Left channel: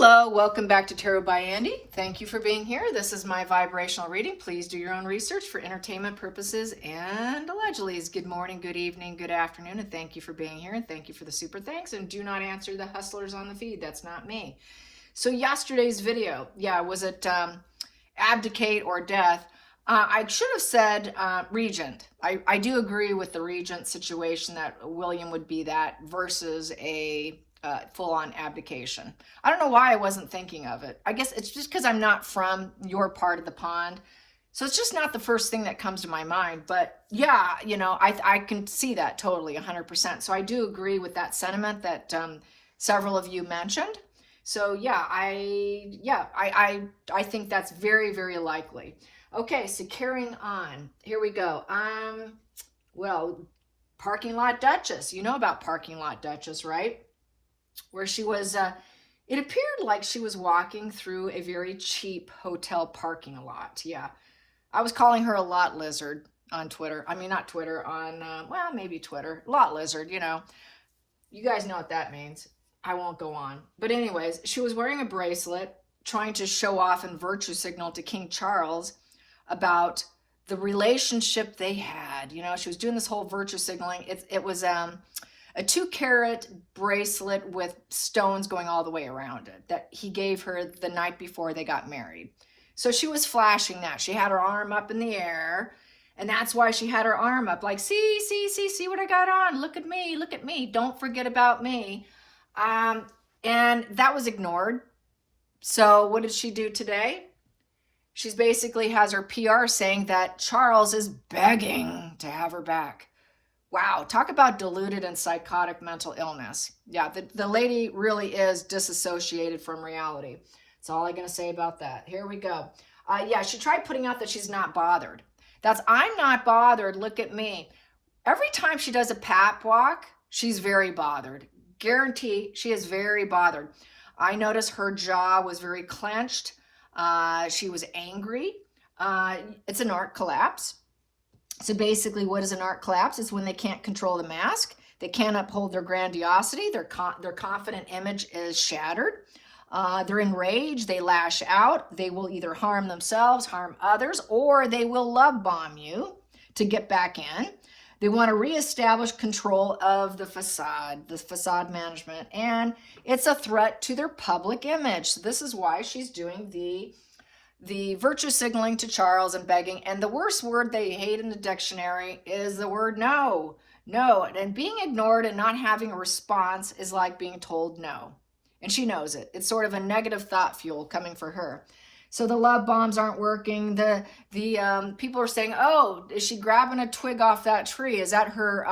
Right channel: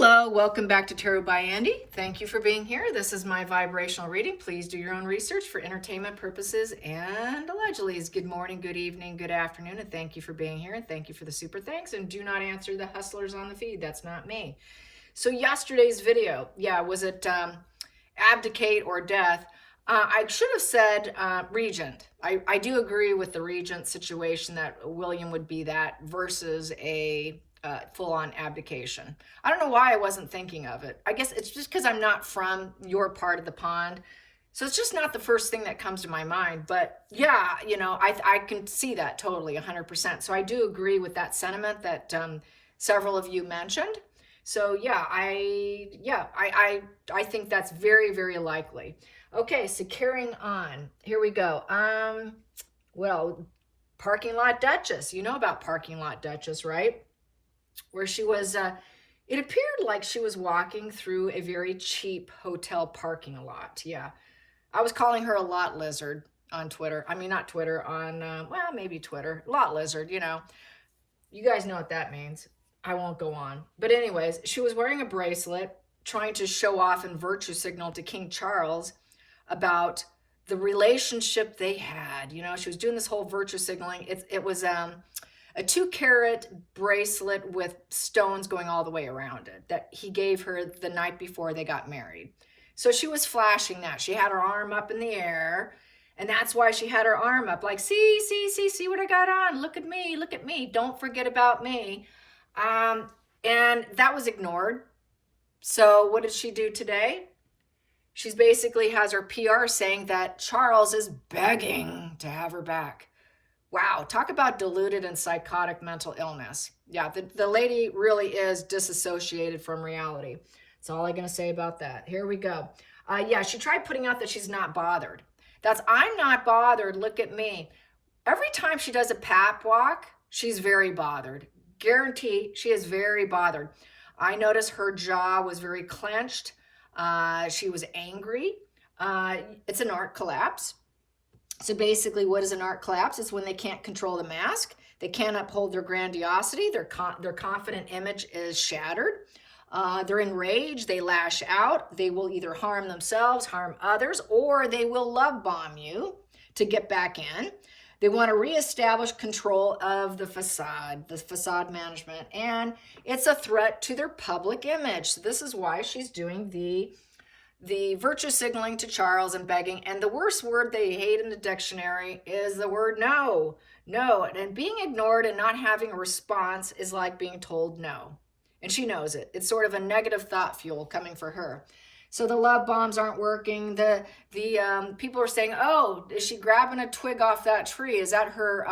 Hello, welcome back to Tarot by Andy. Thank you for being here. This is my vibrational reading. Please do your own research for entertainment purposes and allegedly is good morning, good evening, good afternoon, and thank you for being here and thank you for the super thanks, and do not answer the hustlers on the feed. That's not me. So yesterday's video, was it abdicate or death? I should have said regent. I do agree with the regent situation that William would be that versus a full-on abdication. I don't know why I wasn't thinking of it. I guess it's just because I'm not from your part of the pond. So it's just not the first thing that comes to my mind. But yeah, I can see that totally 100%. So I do agree with that sentiment that several of you mentioned. So yeah, I think that's very, very likely. Okay, so carrying on. Here we go. Well, Parking Lot Duchess. You know about Parking Lot Duchess, right? Where she was, it appeared like she was walking through a very cheap hotel parking lot. Yeah, I was calling her a lot lizard on Twitter. I mean, not Twitter, on, well, maybe Twitter. Lot lizard, you guys know what that means. I won't go on. But anyways, she was wearing a bracelet, trying to show off and virtue signal to King Charles about the relationship they had. She was doing this whole virtue signaling. It was a 2-carat bracelet with stones going all the way around it that he gave her the night before they got married. So she was flashing that. She had her arm up in the air, and that's why she had her arm up, like, see what I got on. Look at me. Don't forget about me. And that was ignored. So what did she do today? She's basically has her PR saying that Charles is begging to have her back. Wow, talk about deluded and psychotic mental illness. Yeah, the lady really is disassociated from reality. That's all I'm going to say about that. Here we go. Yeah, she tried putting out that she's not bothered. I'm not bothered, look at me. Every time she does a pap walk, she's very bothered. Guarantee she is very bothered. I noticed her jaw was very clenched. She was angry. It's an art collapse. So basically, what is an art collapse? It's when they can't control the mask. They can't uphold their grandiosity. Their confident image is shattered. They're enraged. They lash out. They will either harm themselves, harm others, or they will love bomb you to get back in. They want to reestablish control of the facade management, and it's a threat to their public image. So this is why she's doing the virtue signaling to Charles and begging. And the worst word they hate in the dictionary is the word no. No. And being ignored and not having a response is like being told no. And she knows it. It's sort of a negative thought fuel coming for her. So the love bombs aren't working. The people are saying, oh, is she grabbing a twig off that tree? Is that her,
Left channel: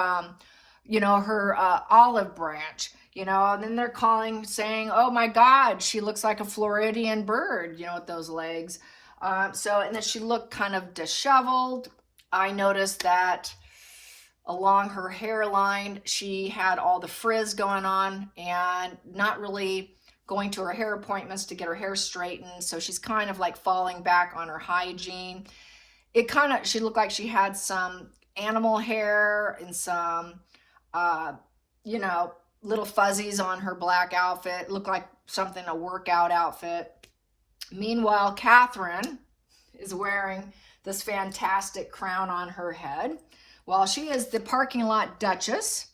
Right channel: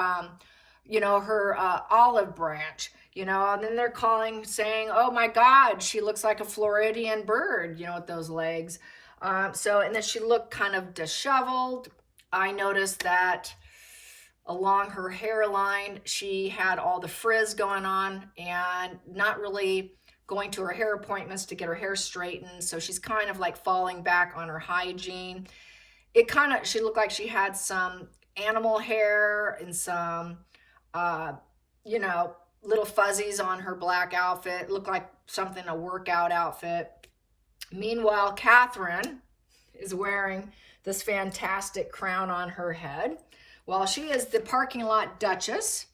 her olive branch? And then they're saying, oh my God, she looks like a Floridian bird, with those legs. And then she looked kind of disheveled. I noticed that along her hairline, she had all the frizz going on and not really going to her hair appointments to get her hair straightened. So she's kind of like falling back on her hygiene. She looked like she had some animal hair and some, little fuzzies on her black outfit. It looked like a workout outfit. Meanwhile, Catherine is wearing this fantastic crown on her head. While she is the Parking Lot Duchess,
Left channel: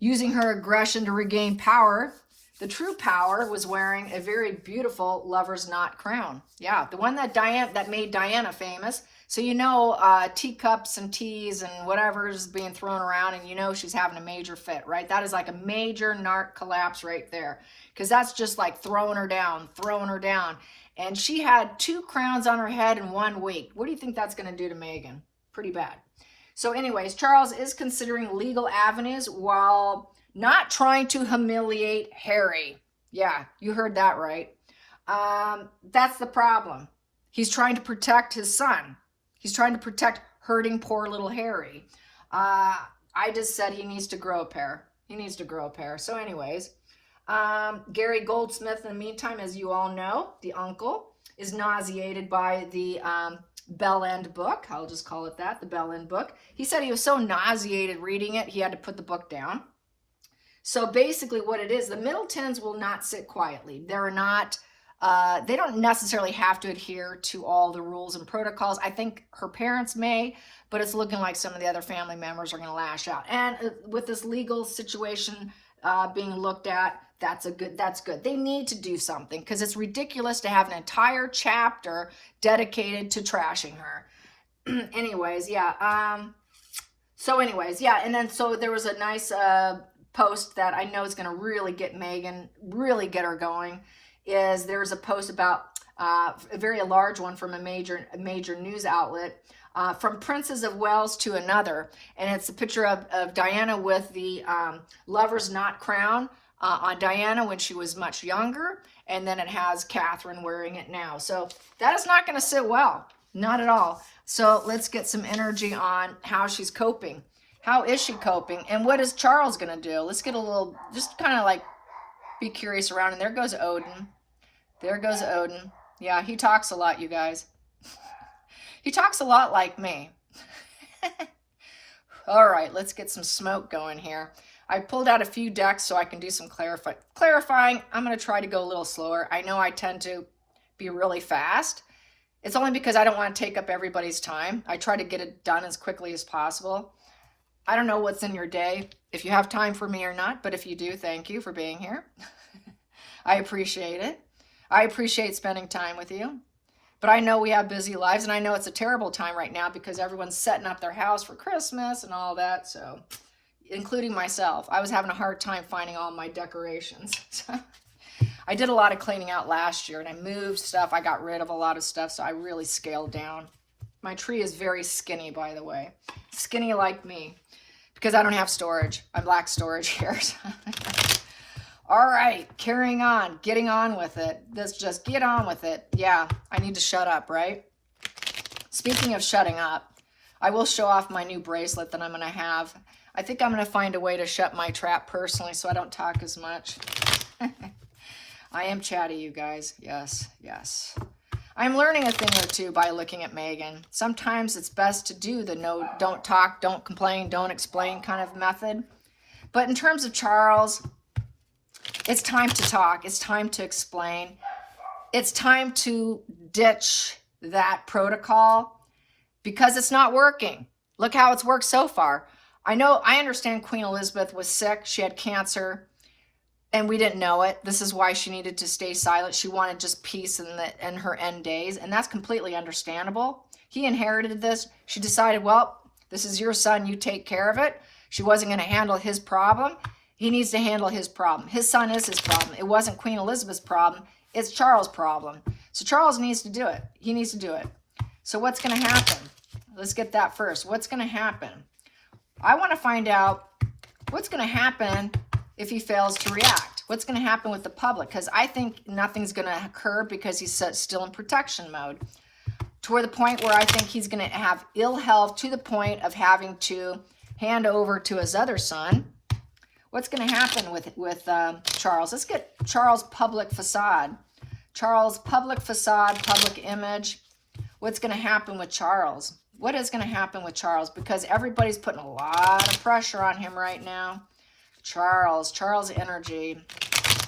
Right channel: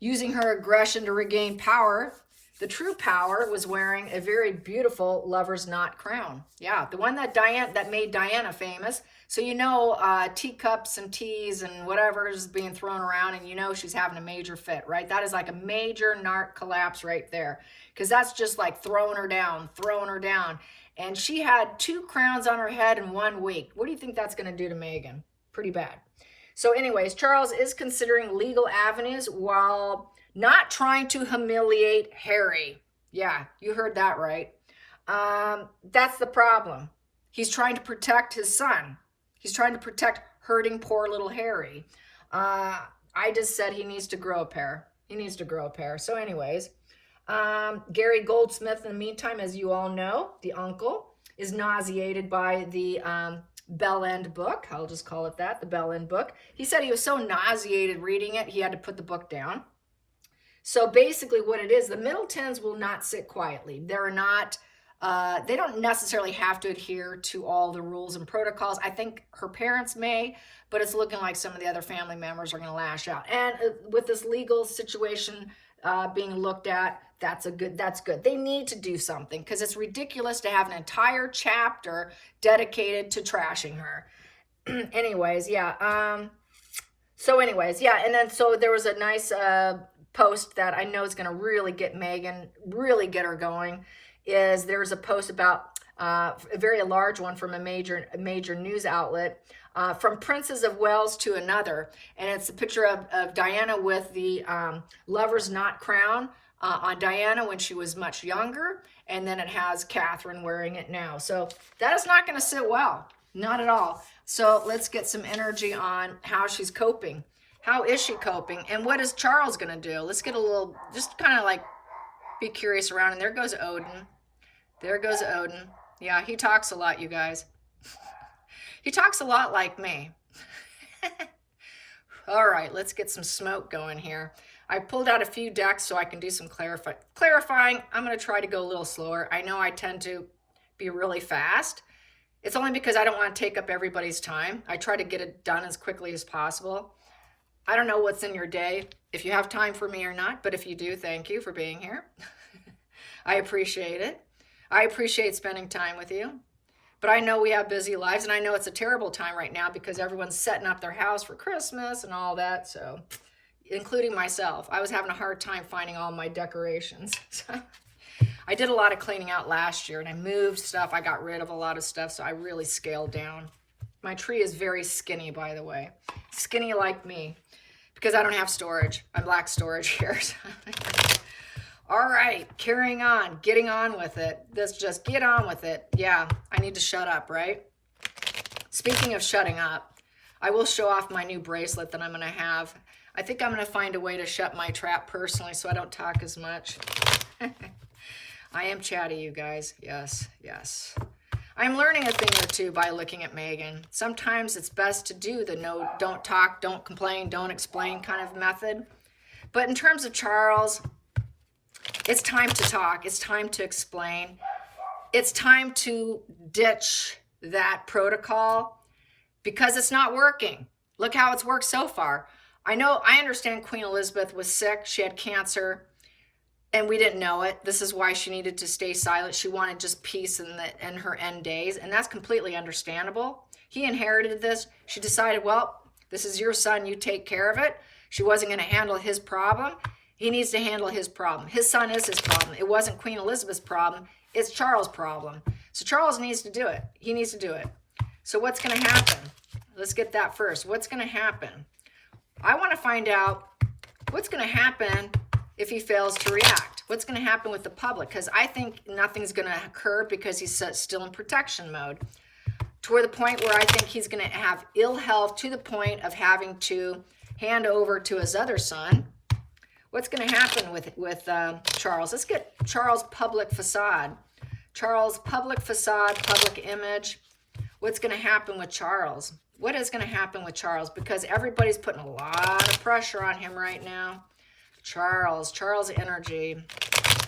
using her aggression to regain power, the true power was wearing a very beautiful lover's knot crown. Yeah, the one that made Diana famous. So teacups and teas and whatever is being thrown around, and she's having a major fit, right? That is like a major narc collapse right there, because that's just like throwing her down. And she had 2 crowns on her head in 1 week. What do you think that's going to do to Meghan? Pretty bad. So anyways, Charles is considering legal avenues while not trying to humiliate Harry. Yeah, you heard that right. That's the problem. He's trying to protect his son. He's trying to protect hurting poor little Harry. I just said he needs to grow a pair. So anyways, Gary Goldsmith, in the meantime, as you all know, the uncle, is nauseated by the Bell End book. I'll just call it that, the Bell End book. He said he was so nauseated reading it, he had to put the book down. So basically what it is, the Middletons will not sit quietly. They're not, they don't necessarily have to adhere to all the rules and protocols. I think her parents may, but it's looking like some of the other family members are going to lash out. And with this legal situation being looked at, that's good. They need to do something, because it's ridiculous to have an entire chapter dedicated to trashing her. Anyways, yeah. And then so there was a nice post that I know is going to really get Megan, really get her going. There's a post about a very large one from a major news outlet, from Princess of Wales to another, and it's a picture of Diana with the lover's knot crown on Diana when she was much younger, and then it has Catherine wearing it now. So that is not going to sit well, not at all. So let's get some energy on how she's coping. How is she coping? And what is Charles going to do? Let's get a little, just kind of like be curious around. And there goes Odin. There goes Odin. Yeah, he talks a lot, you guys. He talks a lot like me. All right, let's get some smoke going here. I pulled out a few decks so I can do some clarifying. I'm going to try to go a little slower. I know I tend to be really fast. It's only because I don't want to take up everybody's time. I try to get it done as quickly as possible. I don't know what's in your day, if you have time for me or not, but if you do, thank you for being here. I appreciate it. I appreciate spending time with you. But I know we have busy lives, and I know it's a terrible time right now because everyone's setting up their house for Christmas and all that, so, including myself. I was having a hard time finding all my decorations. I did a lot of cleaning out last year, and I moved stuff. I got rid of a lot of stuff, so I really scaled down. My tree is very skinny, by the way. Skinny like me, because I don't have storage. I lack storage here. All right, carrying on, getting on with it. Let's just get on with it. Yeah, I need to shut up, right? Speaking of shutting up, I will show off my new bracelet that I'm going to have. I think I'm going to find a way to shut my trap personally so I don't talk as much. I am chatty, you guys. Yes, yes. I'm learning a thing or two by looking at Megan. Sometimes it's best to do the no, don't talk, don't complain, don't explain kind of method. But in terms of Charles, it's time to talk. It's time to explain. It's time to ditch that protocol because it's not working. Look how it's worked so far. I understand Queen Elizabeth was sick. She had cancer. And we didn't know it. This is why she needed to stay silent. She wanted just peace in her end days. And that's completely understandable. He inherited this. She decided, well, this is your son. You take care of it. She wasn't going to handle his problem. He needs to handle his problem. His son is his problem. It wasn't Queen Elizabeth's problem. It's Charles' problem. So Charles needs to do it. He needs to do it. So what's going to happen? Let's get that first. What's going to happen? I want to find out what's going to happen if he fails to react. What's going to happen with the public? Because I think nothing's going to occur because he's still in protection mode. Toward the point where I think he's going to have ill health to the point of having to hand over to his other son. What's going to happen with Charles? Let's get Charles' public facade. Charles' public facade, public image. What's going to happen with Charles? What is going to happen with Charles? Because everybody's putting a lot of pressure on him right now. Charles energy,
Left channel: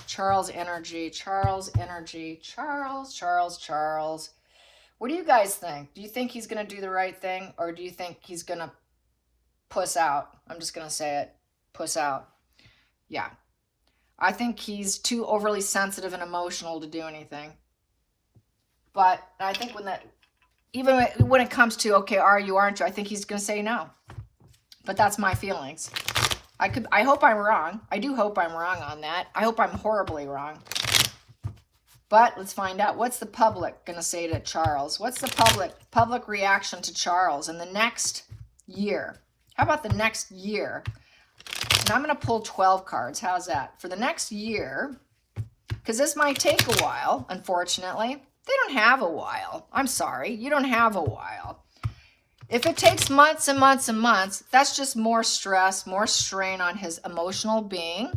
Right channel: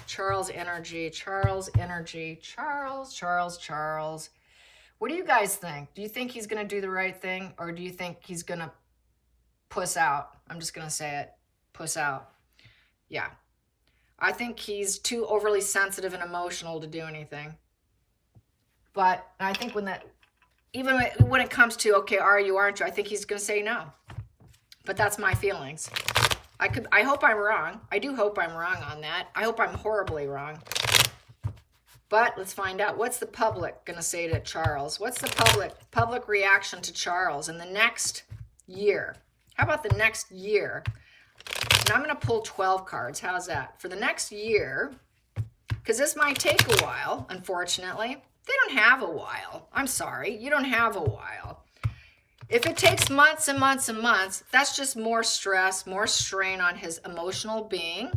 Charles energy, Charles energy, Charles. What do you guys think? Do you think he's going to do the right thing, or do you think he's going to puss out? I'm just going to say it, puss out. Yeah. I think he's too overly sensitive and emotional to do anything. But I think even when it comes to, okay, are you, aren't you, I think he's going to say no. But that's my feelings. I hope I'm wrong. I do hope I'm wrong on that. I hope I'm horribly wrong. But let's find out. What's the public going to say to Charles? What's the public reaction to Charles in the next year? How about the next year? And I'm going to pull 12 cards. How's that? For the next year, because this might take a while, unfortunately. They don't have a while. I'm sorry. You don't have a while. If it takes months and months and months, that's just more stress, more strain on his emotional being.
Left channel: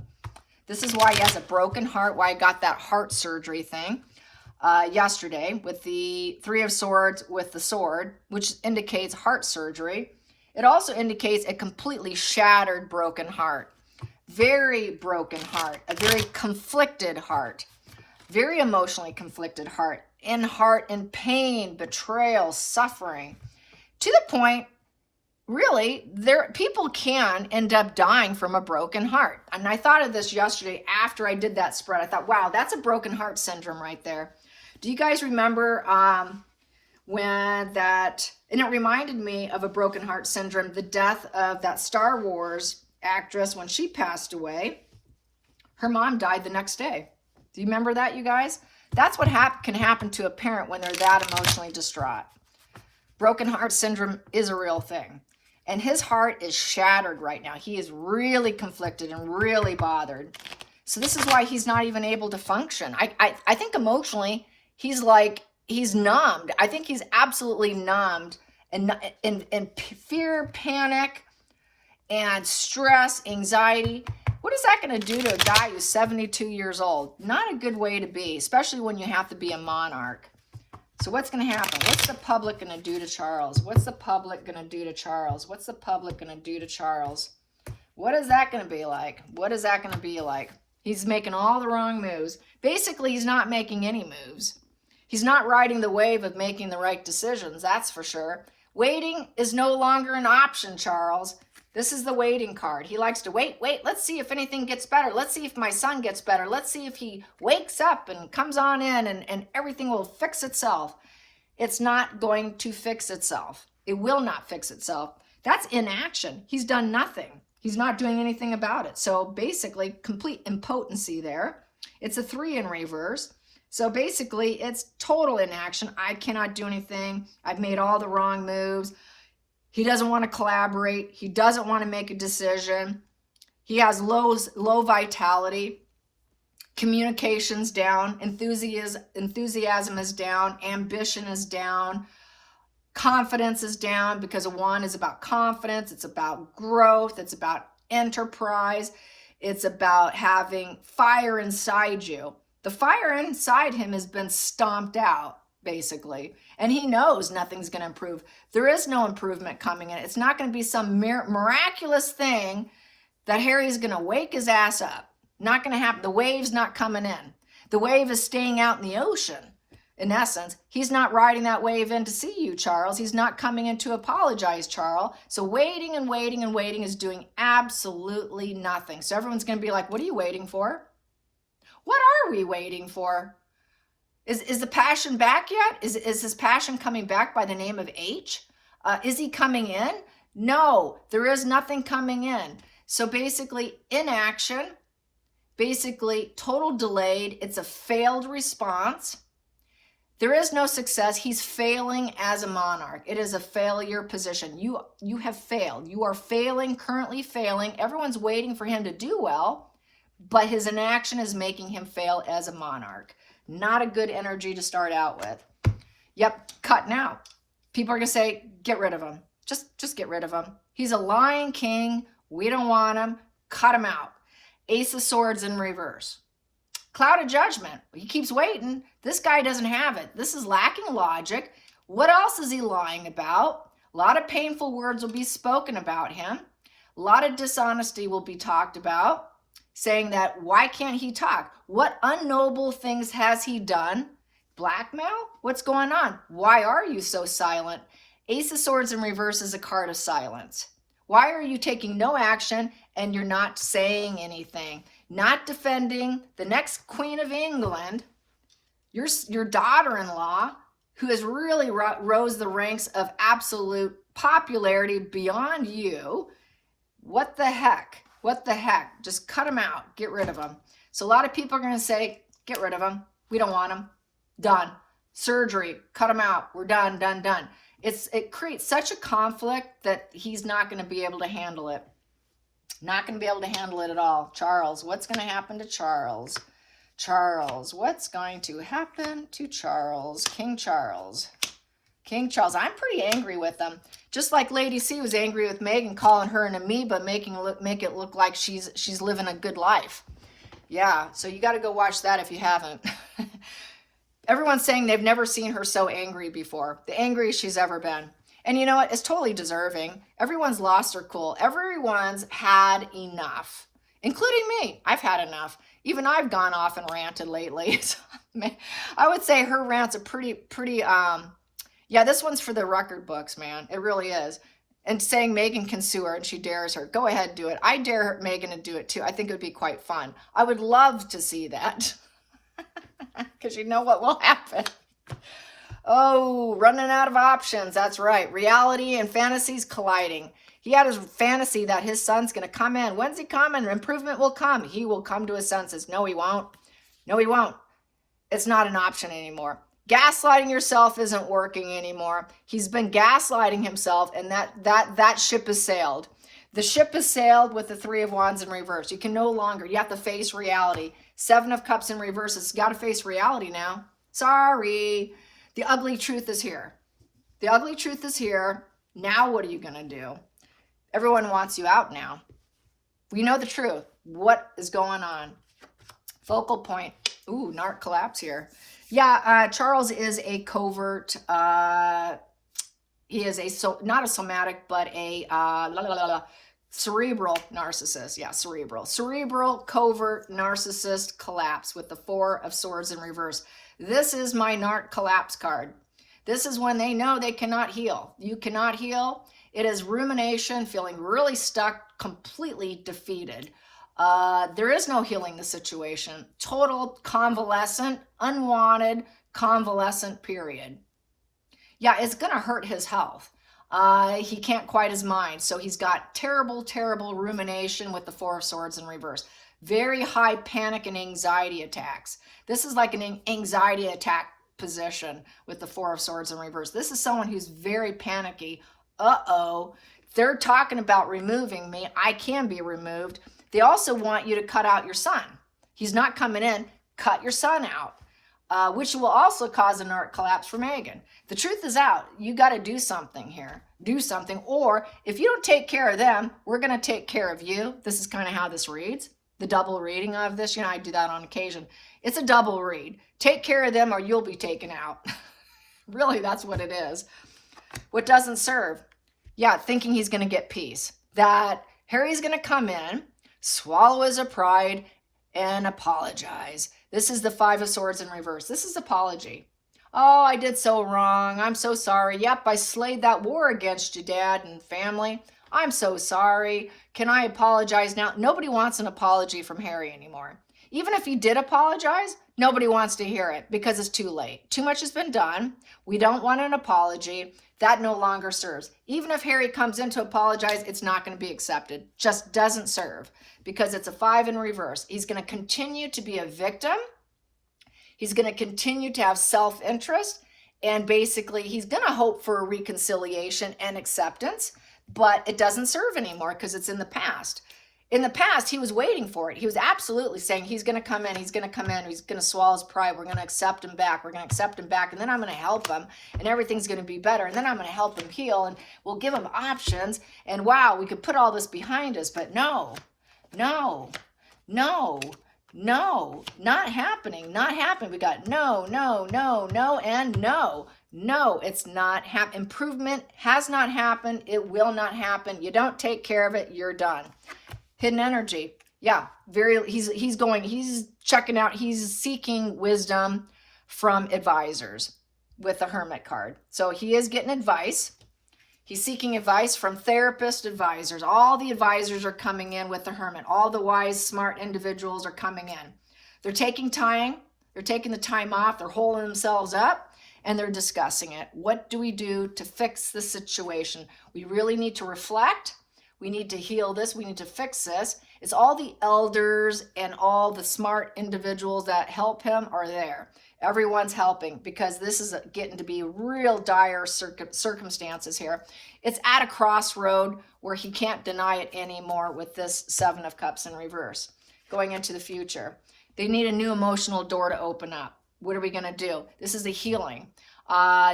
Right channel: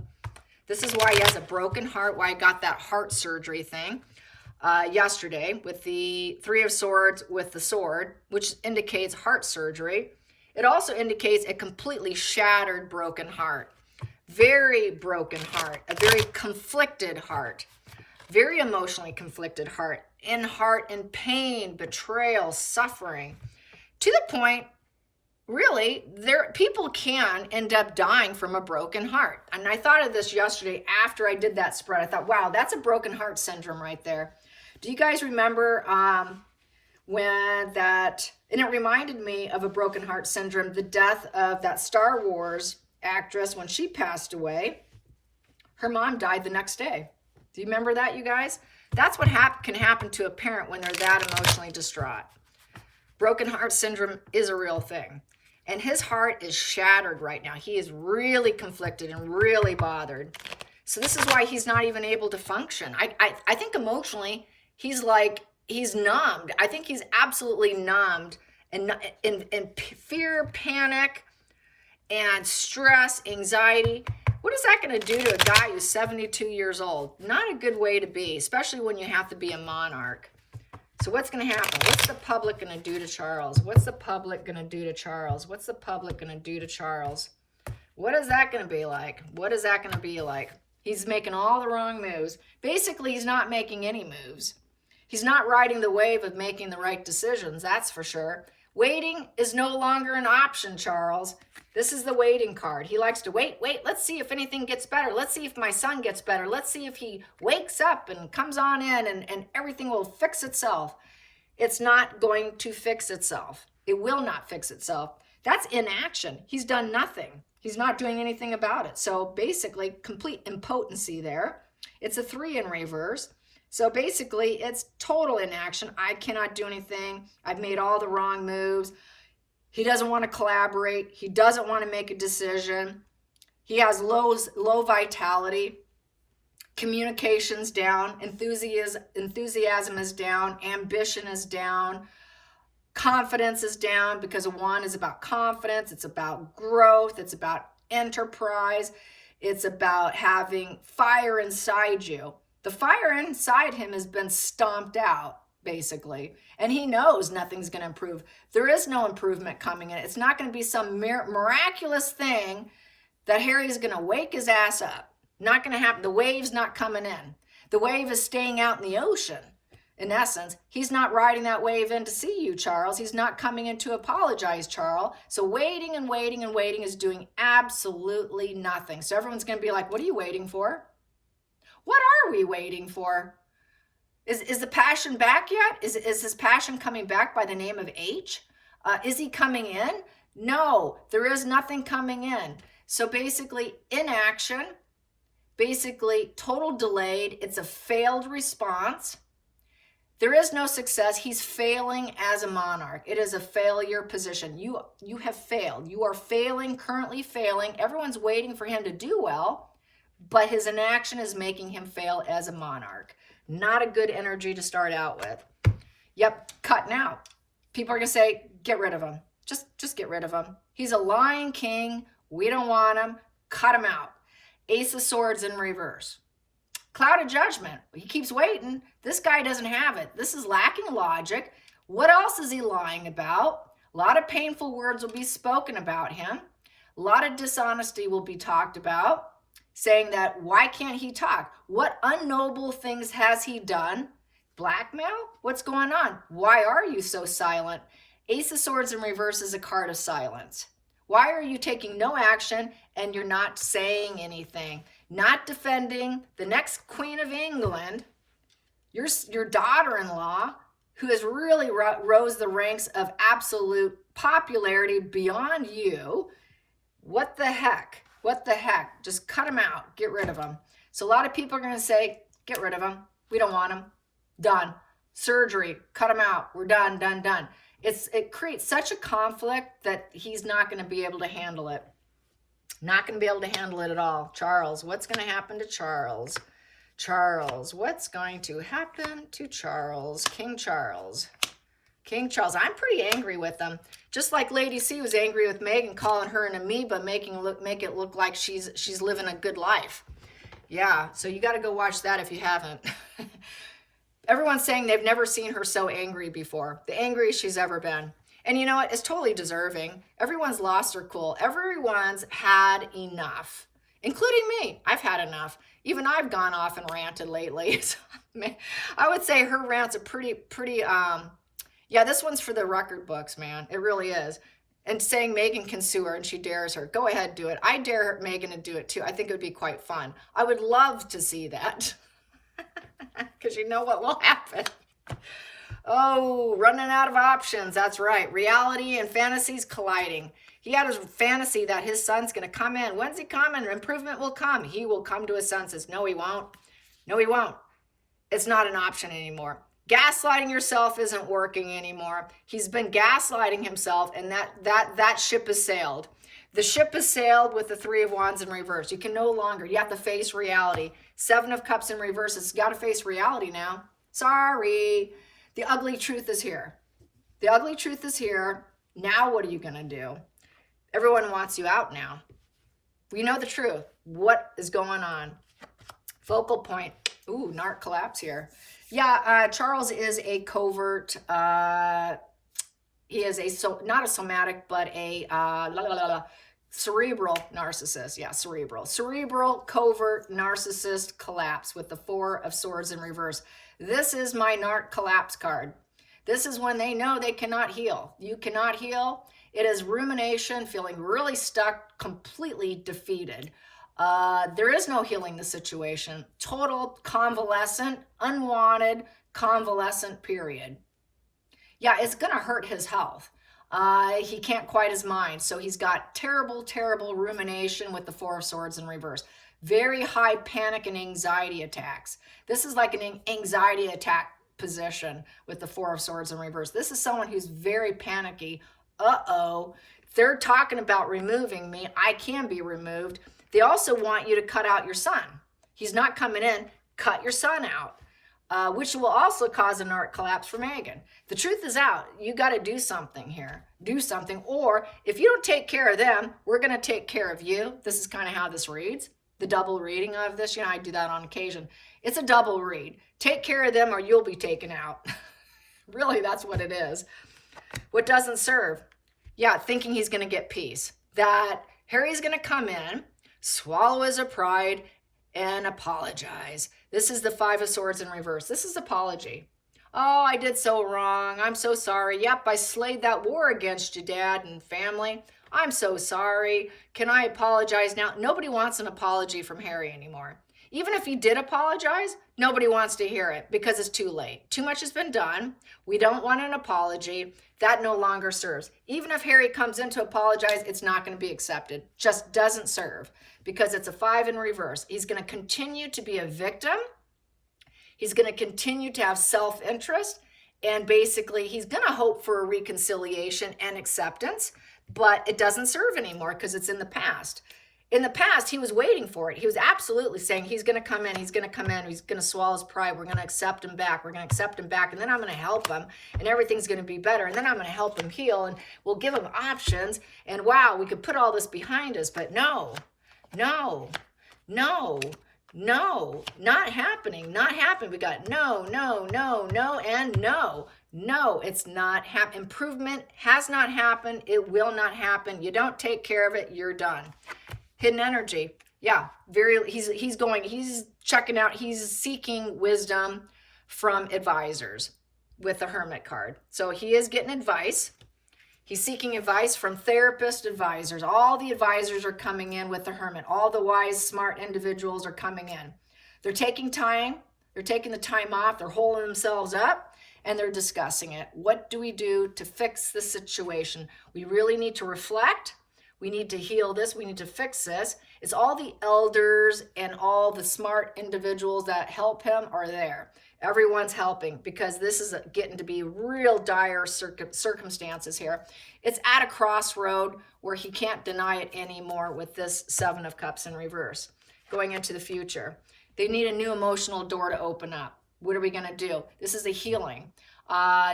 This is why he has a broken heart, why I got that heart surgery thing yesterday with the Three of Swords with the sword, which indicates heart surgery. It also indicates a completely shattered, broken heart. Very broken heart, a very conflicted heart, very emotionally conflicted heart in pain, betrayal, suffering, to the point, really, people can end up dying from a broken heart. And I thought of this yesterday after I did that spread. I thought, wow, that's a broken heart syndrome right there. Do you guys remember and it reminded me of a broken heart syndrome, the death of that Star Wars actress when she passed away. Her mom died the next day. Do you remember that, you guys? That's what can happen to a parent when they're that emotionally distraught. Broken heart syndrome is a real thing. And his heart is shattered right now. He is really conflicted and really bothered. So this is why he's not even able to function. I think emotionally, he's numbed. I think he's absolutely numbed. And fear, panic, and stress, anxiety. What is that going to do to a guy who's 72 years old? Not a good way to be, especially when you have to be a monarch. So what's going to happen? What's the public going to do to Charles? What's the public going to do to Charles? What's the public going to do to Charles? What is that going to be like? What is that going to be like? He's making all the wrong moves. Basically, he's not making any moves. He's not riding the wave of making the right decisions, that's for sure. Waiting is no longer an option, Charles. This is the waiting card. He likes to wait. Let's see if anything gets better. Let's see if my son gets better. Let's see if he wakes up and comes on in and everything will fix itself. It's not going to fix itself. It will not fix itself. That's inaction. He's done nothing. He's not doing anything about it. So basically, complete impotency there. It's a 3 in reverse. So basically, it's total inaction. I cannot do anything. I've made all the wrong moves. He doesn't want to collaborate. He doesn't want to make a decision. He has low vitality. Communication's down. Enthusiasm is down. Ambition is down. Confidence is down, because a 1 is about confidence. It's about growth. It's about enterprise. It's about having fire inside you. The fire inside him has been stomped out, basically. And he knows nothing's going to improve. There is no improvement coming in. It's not going to be some miraculous thing that Harry's going to wake his ass up. Not going to happen. The wave's not coming in. The wave is staying out in the ocean. In essence, he's not riding that wave in to see you, Charles. He's not coming in to apologize, Charles. So waiting and waiting and waiting is doing absolutely nothing. So everyone's going to be like, what are you waiting for? What are we waiting for? Is the passion back yet? Is his passion coming back by the name of H? Is he coming in? No, there is nothing coming in. So basically, inaction, basically total delayed. It's a failed response. There is no success. He's failing as a monarch. It is a failure position. You have failed. You are failing, currently failing. Everyone's waiting for him to do well, but his inaction is making him fail as a monarch. Not a good energy to start out with. Yep, cutting out. People are going to say, get rid of him. Just get rid of him. He's a lying king. We don't want him. Cut him out. Ace of Swords in reverse. Cloud of Judgment. He keeps waiting. This guy doesn't have it. This is lacking logic. What else is he lying about? A lot of painful words will be spoken about him. A lot of dishonesty will be talked about, saying that, why can't he talk? What unknoble things has he done? Blackmail? What's going on? Why are you so silent? Ace of Swords in reverse is a card of silence. Why are you taking no action and you're not saying anything? Not defending the next Queen of England, your daughter-in-law, who has really rose the ranks of absolute popularity beyond you. What the heck? What the heck? Just cut him out. Get rid of him. So a lot of people are going to say, get rid of him. We don't want him. Done. Surgery. Cut him out. We're done, done, done. It creates such a conflict that he's not going to be able to handle it. Not going to be able to handle it at all. Charles, what's going to happen to Charles? Charles, what's going to happen to Charles? King Charles. King Charles. I'm pretty angry with him. Just like Lady C was angry with Meghan, calling her an amoeba, make it look like she's living a good life. Yeah, so you got to go watch that if you haven't. Everyone's saying they've never seen her so angry before. The angriest she's ever been. And you know what? It's totally deserving. Everyone's lost their cool. Everyone's had enough. including me. I've had enough. Even I've gone off and ranted lately. I would say her rants are pretty, yeah, this one's for the record books, man. It really is. And saying Megan can sue her and she dares her. Go ahead, do it. I dare Megan to do it too. I think it would be quite fun. I would love to see that. Because you know what will happen. Oh, running out of options. That's right. Reality and fantasies colliding. He had a fantasy that his son's going to come in. When's he coming? Improvement will come. He will come to his senses. No, he won't. No, he won't. It's not an option anymore. Gaslighting yourself isn't working anymore. He's been gaslighting himself, and that ship has sailed. The ship has sailed with the Three of Wands in reverse. You can no longer, you have to face reality. Seven of Cups in reverse has got to face reality now. Sorry. The ugly truth is here. The ugly truth is here. Now what are you going to do? Everyone wants you out now. You know the truth. What is going on? Focal point. Ooh, narc collapse here. Yeah, Charles is a covert, he is not a somatic, but a cerebral narcissist. Yeah, cerebral covert narcissist collapse with the Four of Swords in reverse. This is my narc collapse card. This is when they know they cannot heal. You cannot heal. It is rumination, feeling really stuck, completely defeated. There is no healing the situation. Total convalescent, unwanted convalescent period. Yeah, it's going to hurt his health. He can't quiet his mind. So he's got terrible, terrible rumination with the Four of Swords in reverse. Very high panic and anxiety attacks. This is like an anxiety attack position with the Four of Swords in reverse. This is someone who's very panicky. Uh-oh, they're talking about removing me. I can be removed. They also want you to cut out your son. He's not coming in. Cut your son out, which will also cause a narc collapse for Megan. The truth is out. You got to do something here. Do something. Or if you don't take care of them, we're going to take care of you. This is kind of how this reads. The double reading of this. You know, I do that on occasion. It's a double read. Take care of them or you'll be taken out. Really, that's what it is. What doesn't serve? Yeah, thinking he's going to get peace. That Harry's going to come in, swallow his pride, and apologize. This is the Five of Swords in reverse. This is apology. Oh, I did so wrong. I'm so sorry. Yep, I slayed that war against you, Dad and family. I'm so sorry. Can I apologize now? Nobody wants an apology from Harry anymore. Even if he did apologize, nobody wants to hear it because it's too late. Too much has been done. We don't want an apology. That no longer serves. Even if Harry comes in to apologize, it's not going to be accepted. Just doesn't serve because it's a 5 in reverse. He's going to continue to be a victim. He's going to continue to have self-interest. And basically, he's going to hope for a reconciliation and acceptance. But it doesn't serve anymore because it's in the past. In the past, he was waiting for it. He was absolutely saying he's going to come in, he's going to come in, he's going to swallow his pride, we're going to accept him back, we're going to accept him back, and then I'm going to help him, and everything's going to be better, and then I'm going to help him heal, and we'll give him options, and wow, we could put all this behind us, but no, not happening, not happening. We got no, and no. No, it's not happening. Improvement has not happened. It will not happen. You don't take care of it, you're done. Hidden energy. Yeah, he's checking out, he's seeking wisdom from advisors with the Hermit card. So he is getting advice. He's seeking advice from therapist advisors. All the advisors are coming in with the Hermit. All the wise, smart individuals are coming in. They're taking time. They're taking the time off. They're holding themselves up. And they're discussing it. What do we do to fix the situation? We really need to reflect. We need to heal this. We need to fix this. It's all the elders and all the smart individuals that help him are there. Everyone's helping because this is getting to be real dire circumstances here. It's at a crossroad where he can't deny it anymore with this Seven of Cups in reverse. Going into the future. They need a new emotional door to open up. What are we going to do? This is a healing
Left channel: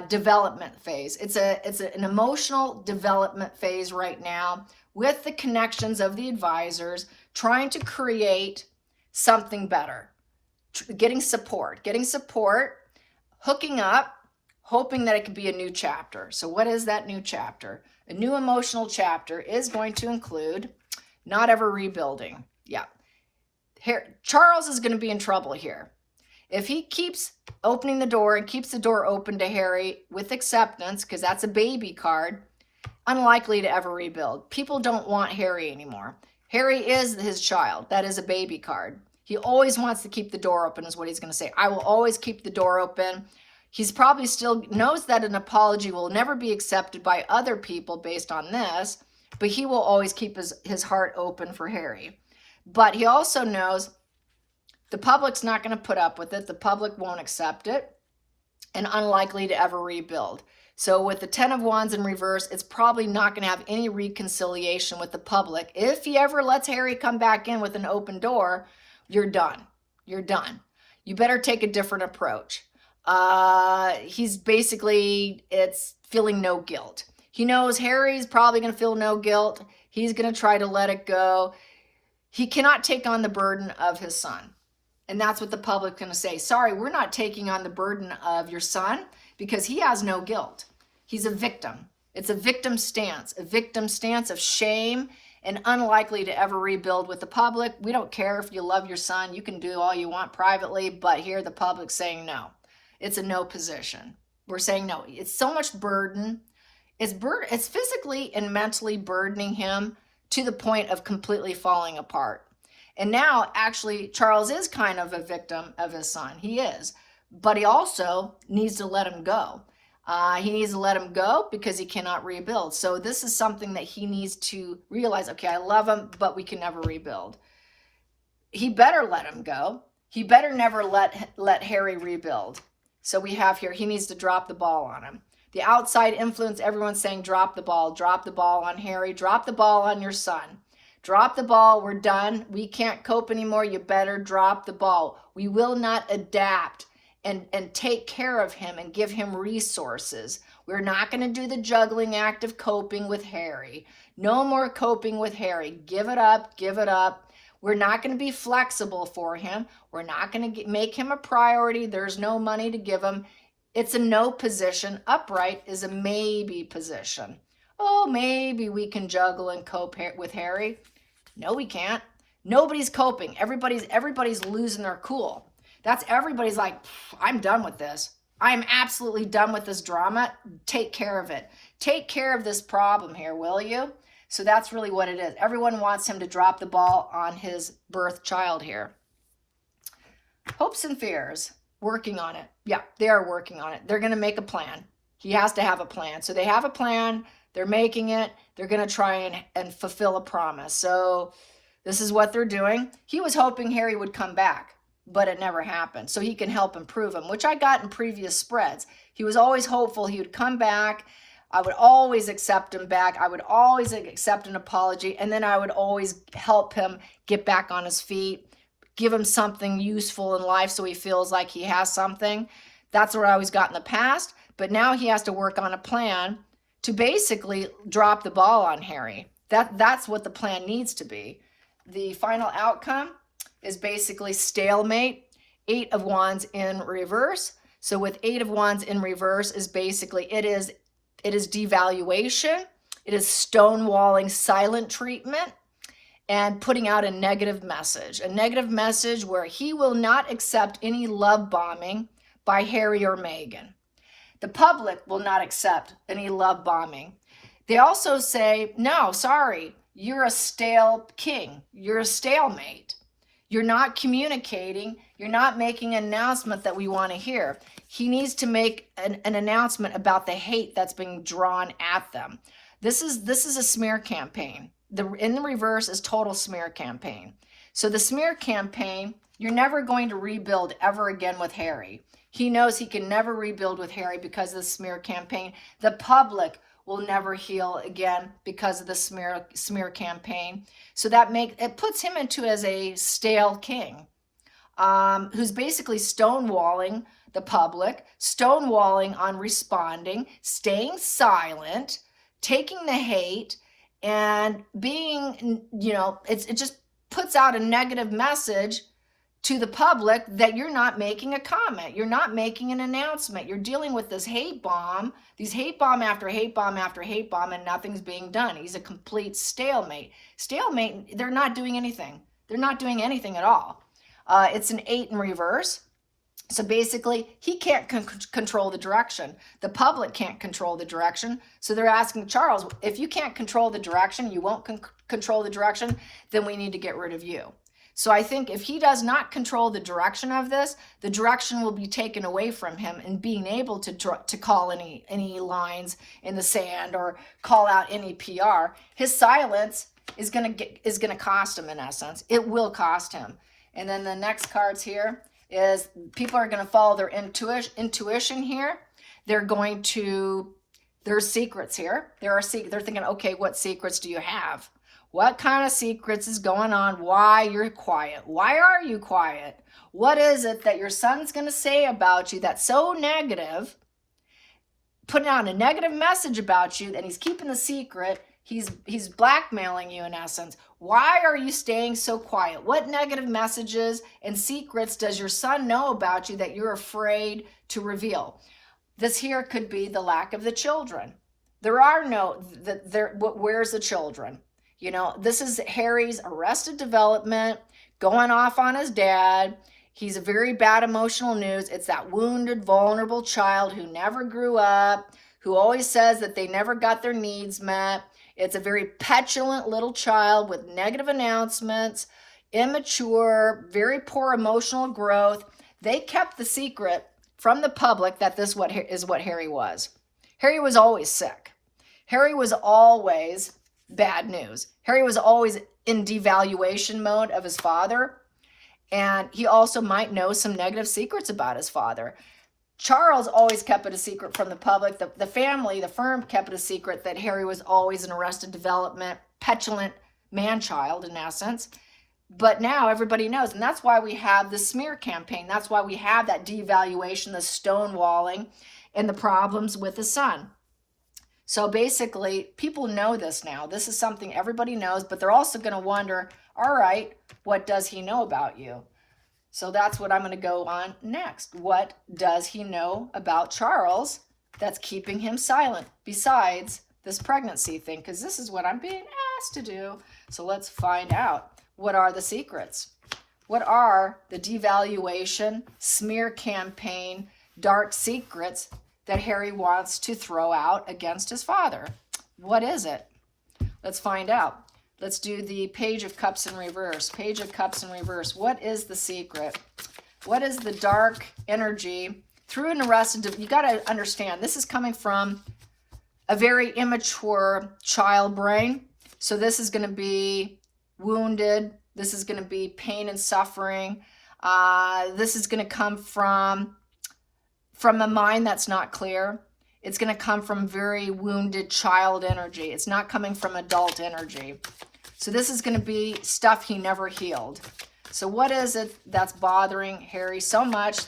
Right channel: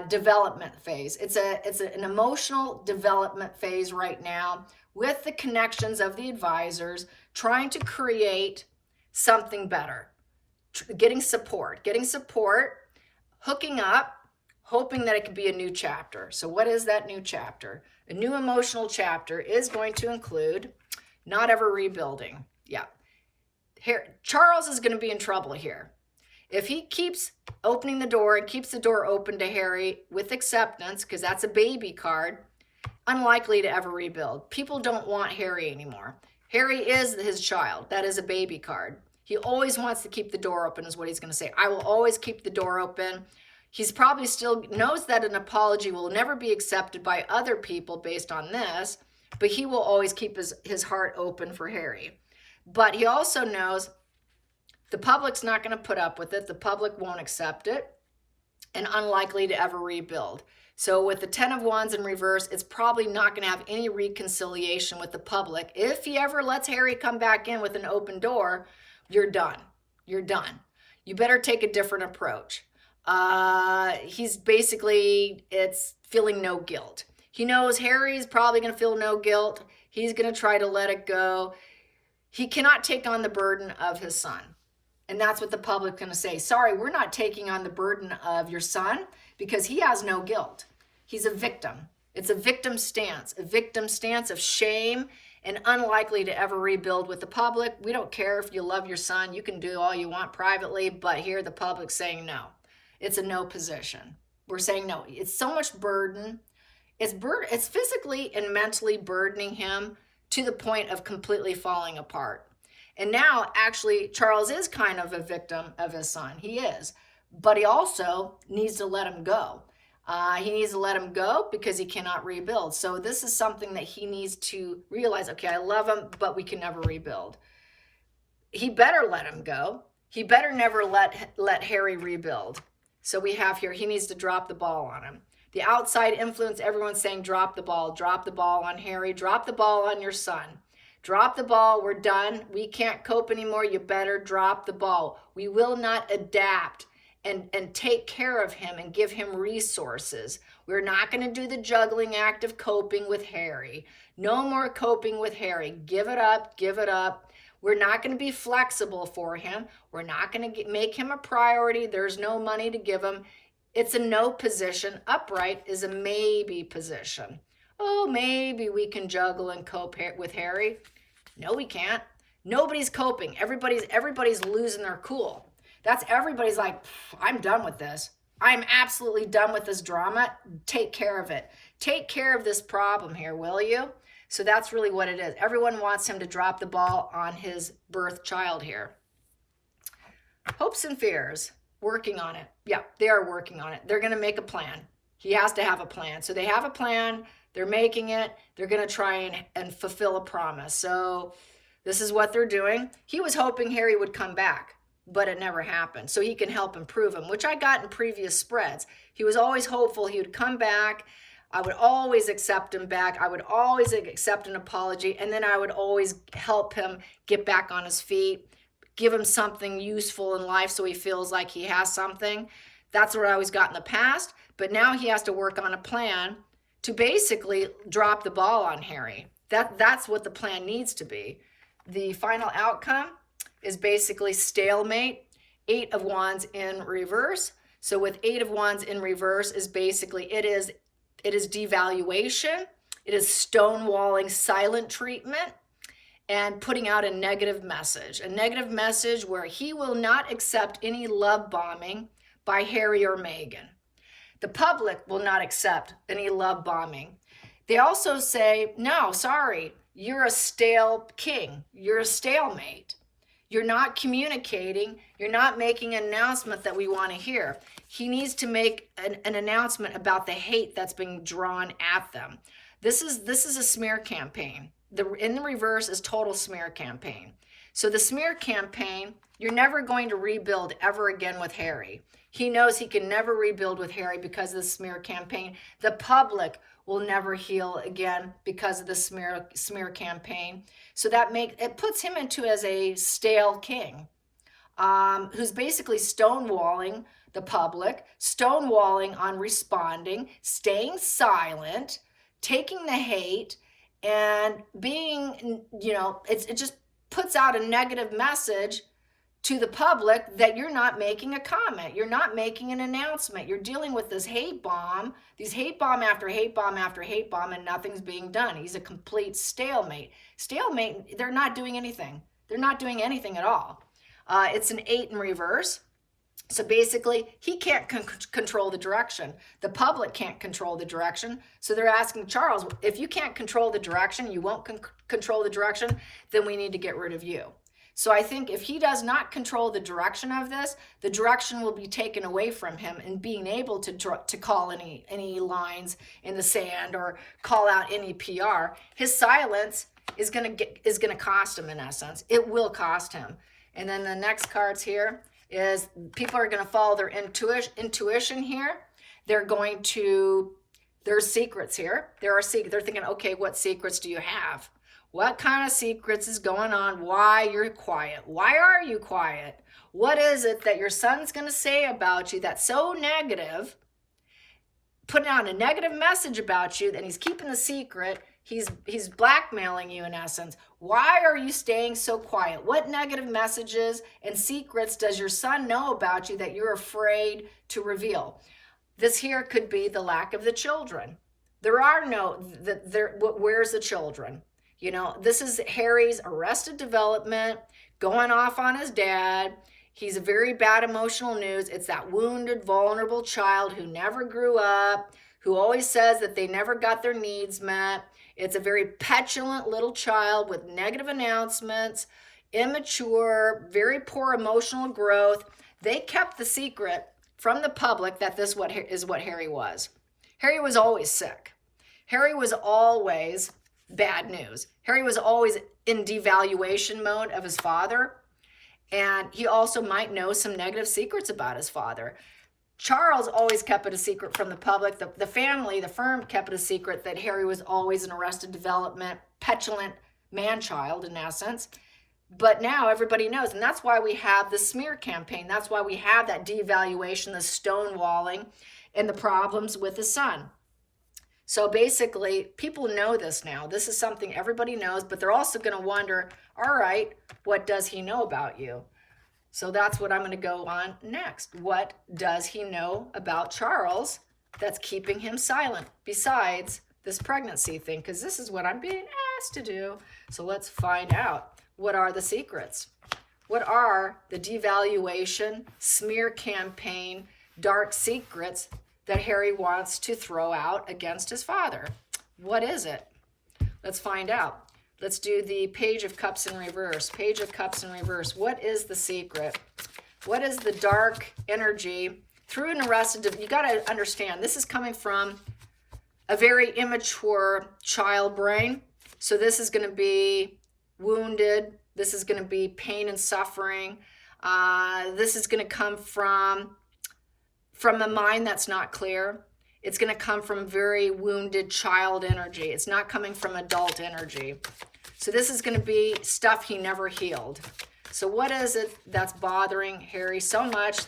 development phase. It's an emotional development phase right now with the connections of the advisors, trying to create something better, getting support, hooking up, hoping that it could be a new chapter. So what is that new chapter? A new emotional chapter is going to include not ever rebuilding. Yeah. Charles is going to be in trouble here. If he keeps opening the door and keeps the door open to Harry with acceptance, because that's a baby card, unlikely to ever rebuild. People don't want Harry anymore. Harry is his child. That is a baby card. He always wants to keep the door open is what he's going to say. I will always keep the door open. He's probably still knows that an apology will never be accepted by other people based on this, but he will always keep his heart open for Harry. But he also knows the public's not going to put up with it. The public won't accept it, and unlikely to ever rebuild. So with the 10 of Wands in reverse, it's probably not going to have any reconciliation with the public. If he ever lets Harry come back in with an open door, you're done. You're done. You better take a different approach. He's basically, it's feeling no guilt. He knows Harry's probably going to feel no guilt. He's going to try to let it go. He cannot take on the burden of his son. And that's what the public's going to say. Sorry, we're not taking on the burden of your son because he has no guilt. He's a victim. It's a victim stance of shame and unlikely to ever rebuild with the public. We don't care if you love your son. You can do all you want privately, but here the public's saying no. It's a no position. We're saying no. It's so much burden. It's physically and mentally burdening him to the point of completely falling apart. And now, actually, Charles is kind of a victim of his son. He is. But he also needs to let him go. He needs to let him go because he cannot rebuild. So this is something that he needs to realize, okay, I love him, but we can never rebuild. He better let him go. He better never let Harry rebuild. So we have here, he needs to drop the ball on him. The outside influence, everyone's saying drop the ball on Harry, drop the ball on your son. Drop the ball, we're done. We can't cope anymore. You better drop the ball. We will not adapt and take care of him and give him resources. We're not going to do the juggling act of coping with Harry. No more coping with Harry. Give it up, give it up. We're not going to be flexible for him. We're not going to make him a priority. There's no money to give him. It's a no position. Upright is a maybe position. Oh, maybe we can juggle and cope with Harry. No, we can't. Nobody's coping. Everybody's losing their cool. That's everybody's like, I'm done with this. I'm absolutely done with this drama. Take care of it. Take care of this problem here, will you? So that's really what it is. Everyone wants him to drop the ball on his birth child here. Hopes and fears. Working on it. Yeah, they are working on it. They're going to make a plan. He has to have a plan. So they have a plan. They're making it. They're going to try and fulfill a promise. So this is what they're doing. He was hoping Harry would come back, but it never happened. So he can help improve him, which I got in previous spreads. He was always hopeful he would come back. I would always accept him back. I would always accept an apology. And then I would always help him get back on his feet, give him something useful in life so he feels like he has something. That's what I always got in the past. But now he has to work on a plan to basically drop the ball on Harry. That's what the plan needs to be. The final outcome is basically stalemate, 8 of Wands in reverse. So with 8 of Wands in reverse is basically, it is devaluation, it is stonewalling, silent treatment, and putting out a negative message where he will not accept any love bombing by Harry or Meghan. The public will not accept any love bombing. They also say, no, sorry, you're a stale king. You're a stalemate. You're not communicating. You're not making an announcement that we want to hear. He needs to make an announcement about the hate that's being drawn at them. This is a smear campaign. In the reverse is total smear campaign. So the smear campaign, you're never going to rebuild ever again with Harry. He knows he can never rebuild with Harry because of the smear campaign. The public will never heal again because of the smear campaign. So it puts him into as a stale king, who's basically stonewalling the public, stonewalling on responding, staying silent, taking the hate, and being, it just puts out a negative message to the public that you're not making a comment. You're not making an announcement. You're dealing with this hate bomb, these hate bomb after hate bomb after hate bomb, and nothing's being done. He's a complete stalemate. Stalemate, they're not doing anything. They're not doing anything at all. It's an 8 in reverse. So basically, he can't control the direction. The public can't control the direction. So they're asking Charles, if you can't control the direction, you won't control the direction, then we need to get rid of you. So I think if he does not control the direction of this, the direction will be taken away from him in being able to call any lines in the sand or call out any PR. His silence is gonna cost him, in essence. It will cost him. And then the next cards here is people are going to follow their intuition here. They're going to, there's secrets here. They're thinking, okay, what secrets do you have? What kind of secrets is going on? Why you're quiet? Why are you quiet? What is it that your son's going to say about you that's so negative, putting out a negative message about you, that he's keeping the secret? He's blackmailing you, in essence. Why are you staying so quiet? What negative messages and secrets does your son know about you that you're afraid to reveal? This here could be the lack of the children. There are no, where's the children? You know, this is Harry's arrested development, going off on his dad. He's a very bad emotional news. It's that wounded, vulnerable child who never grew up, who always says that they never got their needs met. It's a very petulant little child with negative announcements, immature, very poor emotional growth. They kept the secret from the public that this is what Harry was. Harry was always sick. Harry was always bad news. Harry was always in devaluation mode of his father. And he also might know some negative secrets about his father. Charles always kept it a secret from the public. The family, the firm, kept it a secret that Harry was always an arrested development, petulant man-child, in essence. But now everybody knows, and that's why we have the smear campaign. That's why we have that devaluation, the stonewalling, and the problems with the son. So basically, people know this now. This is something everybody knows, but they're also going to wonder, all right, what does he know about you? So that's what I'm going to go on next. What does he know about Charles that's keeping him silent besides this pregnancy thing? Because this is what I'm being asked to do. So let's find out. What are the secrets? What are the devaluation, smear campaign, dark secrets that Harry wants to throw out against his father? What is it? Let's find out. Let's do the Page of Cups in reverse. Page of Cups in reverse. What is the secret? What is the dark energy through an arrested? You got to understand, this is coming from a very immature child brain. So this is going to be wounded. This is going to be pain and suffering. This is going to come from a mind that's not clear. It's going to come from very wounded child energy. It's not coming from adult energy. So this is going to be stuff he never healed. So what is it that's bothering Harry so much?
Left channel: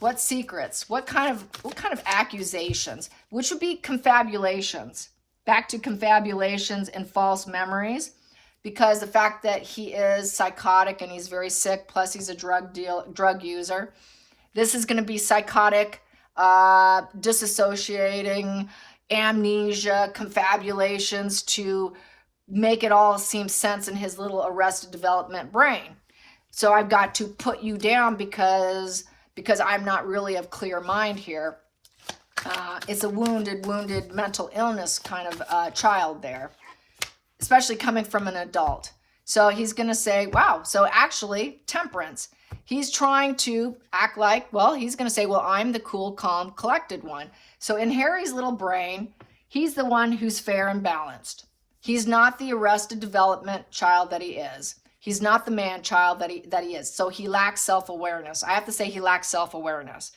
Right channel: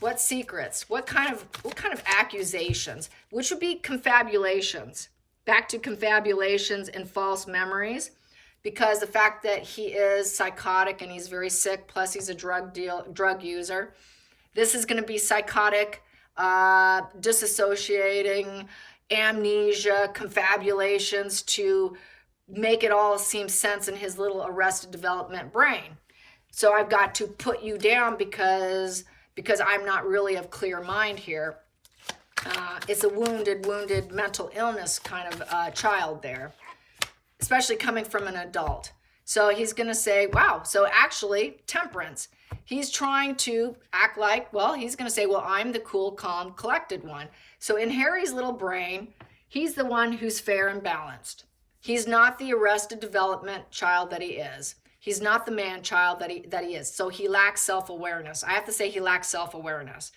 What secrets? What kind of accusations? Which would be confabulations. Back to confabulations and false memories. Because the fact that he is psychotic and he's very sick, plus he's a drug user. This is going to be psychotic, disassociating, amnesia, confabulations to make it all seem sense in his little arrested development brain. So I've got to put you down because I'm not really of clear mind here. It's a wounded mental illness kind of child there, especially coming from an adult. So he's going to say, wow, so actually temperance. He's trying to act like, well, he's going to say, well, I'm the cool, calm, collected one. So in Harry's little brain, he's the one who's fair and balanced. He's not the arrested development child that he is. He's not the man child that he is. So he lacks self-awareness. I have to say he lacks self-awareness.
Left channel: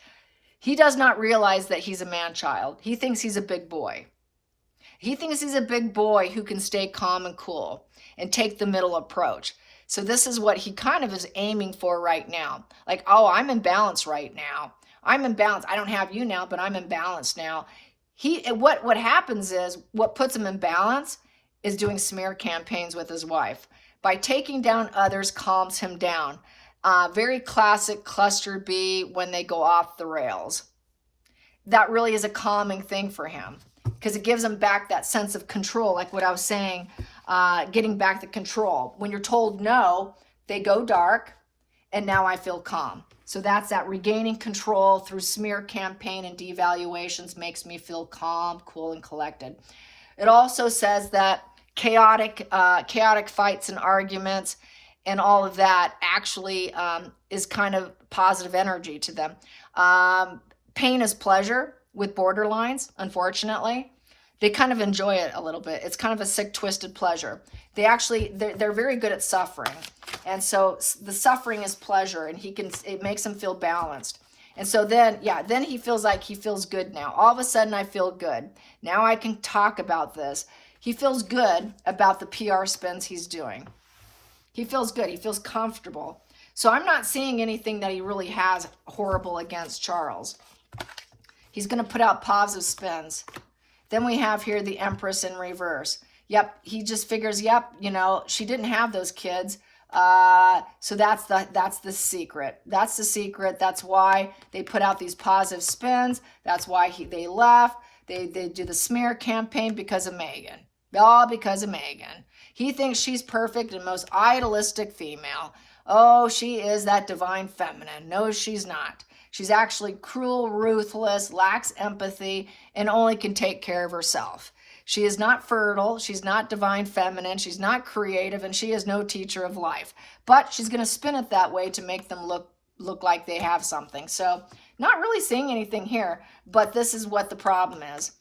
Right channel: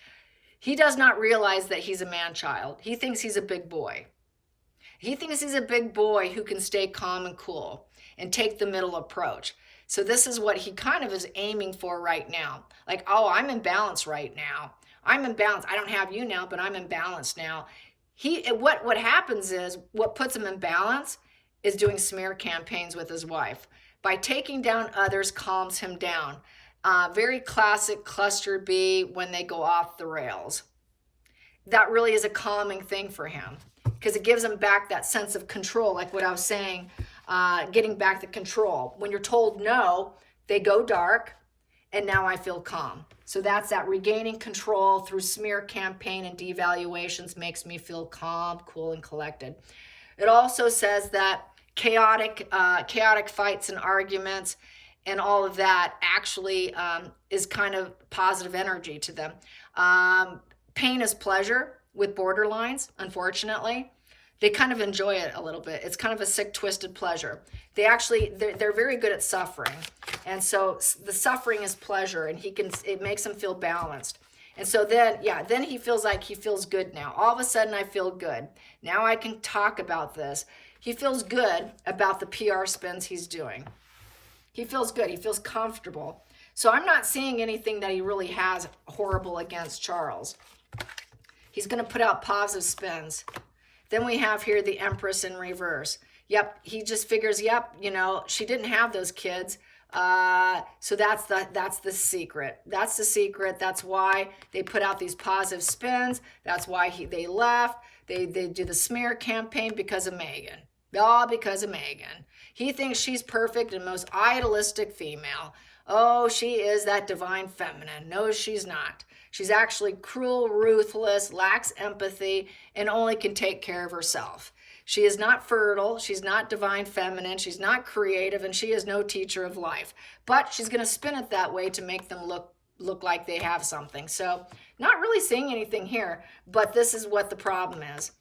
He does not realize that he's a man child. He thinks he's a big boy. He thinks he's a big boy who can stay calm and cool and take the middle approach. So this is what he kind of is aiming for right now. Like, oh, I'm in balance right now. I'm in balance. I don't have you now, but I'm in balance now. What happens is, what puts him in balance is doing smear campaigns with his wife. By taking down others, calms him down. Very classic cluster B when they go off the rails. That really is a calming thing for him because it gives him back that sense of control, like what I was saying getting back the control. When you're told no, they go dark, and now I feel calm. So that's that regaining control through smear campaign and devaluations makes me feel calm, cool, and collected. It also says that chaotic fights and arguments and all of that actually is kind of positive energy to them. Pain is pleasure with borderlines, unfortunately. They kind of enjoy it a little bit. It's kind of a sick, twisted pleasure. They're very good at suffering. And so the suffering is pleasure, and it makes him feel balanced. And so then he feels like he feels good now. All of a sudden I feel good. Now I can talk about this. He feels good about the PR spins he's doing. He feels good. He feels comfortable. So I'm not seeing anything that he really has horrible against Charles. He's going to put out positive spins. Then we have here the Empress in reverse. Yep, he just figures, yep, she didn't have those kids. So that's the secret. That's the secret. That's why they put out these positive spins. That's why they left. They do the smear campaign because of Megan. All because of Megan. He thinks she's perfect and most idealistic female. Oh, she is that divine feminine. No, she's not. She's actually cruel, ruthless, lacks empathy, and only can take care of herself. She is not fertile. She's not divine feminine. She's not creative, and she is no teacher of life. But she's going to spin it that way to make them look like they have something. So not really seeing anything here, but this is what the problem is.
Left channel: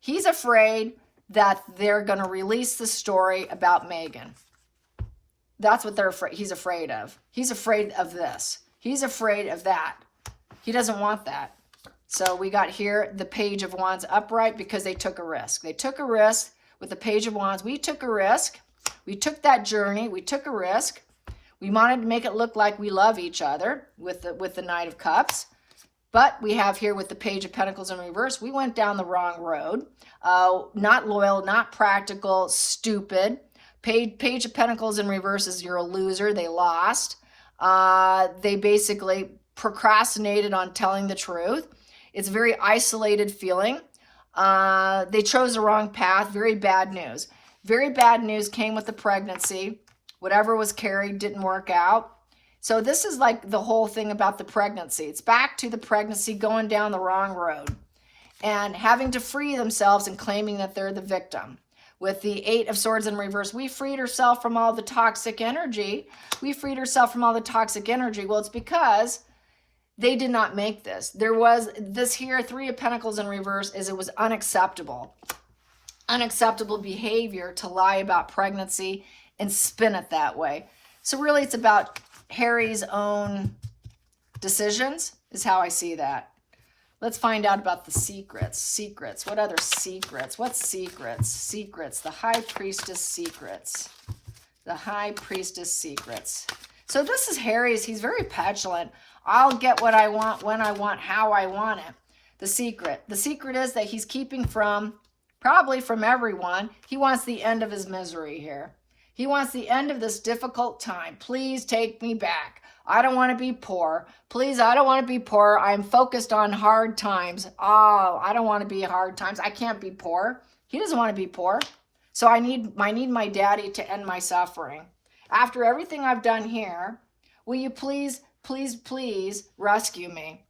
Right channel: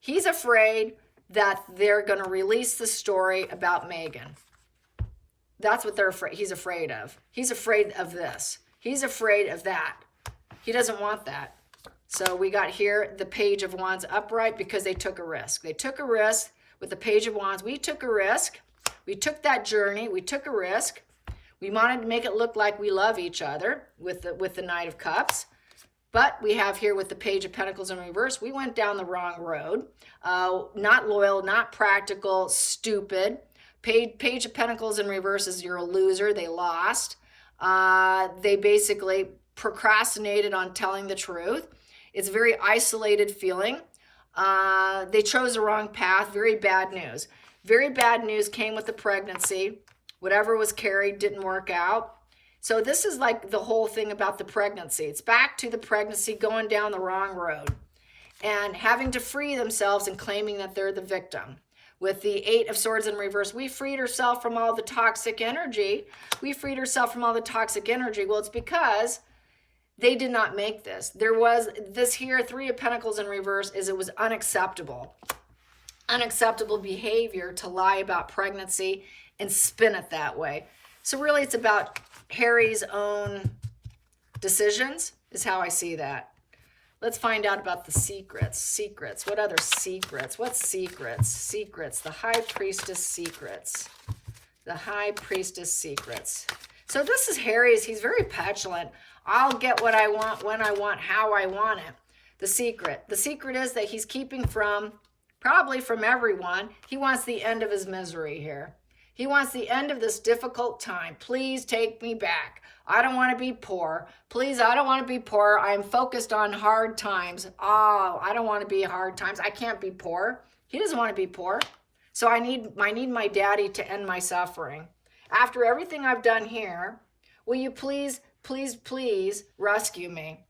He's afraid that they're going to release the story about Megan. That's what he's afraid of. He's afraid of this. He's afraid of that. He doesn't want that. So we got here the Page of Wands upright because they took a risk. They took a risk with the Page of Wands. We took a risk. We took that journey. We took a risk. We wanted to make it look like we love each other with the Knight of Cups. But we have here with the Page of Pentacles in reverse, we went down the wrong road. Not loyal, not practical, stupid. Page of Pentacles in reverse is you're a loser. They lost. They basically procrastinated on telling the truth. It's a very isolated feeling. They chose the wrong path. Very bad news. Very bad news came with the pregnancy. Whatever was carried didn't work out. So this is like the whole thing about the pregnancy. It's back to the pregnancy going down the wrong road and having to free themselves and claiming that they're the victim. With the Eight of Swords in reverse, we freed ourselves from all the toxic energy. We freed ourselves from all the toxic energy. Well, it's because they did not make this. There was this here, Three of Pentacles in reverse, it was unacceptable. Unacceptable behavior to lie about pregnancy and spin it that way. So really it's about Harry's own decisions is how I see that. Let's find out about the secrets. Secrets. What other secrets? What secrets? Secrets. The High Priestess secrets. The High Priestess secrets. So this is Harry's. He's very petulant. I'll get what I want, when I want, how I want it. The secret. The secret is that he's keeping probably from everyone. He wants the end of his misery here. He wants the end of this difficult time. Please take me back. I don't want to be poor. Please, I don't want to be poor. I'm focused on hard times. Oh, I don't want to be hard times. I can't be poor. He doesn't want to be poor. So I need my daddy to end my suffering. After everything I've done here, will you please rescue me?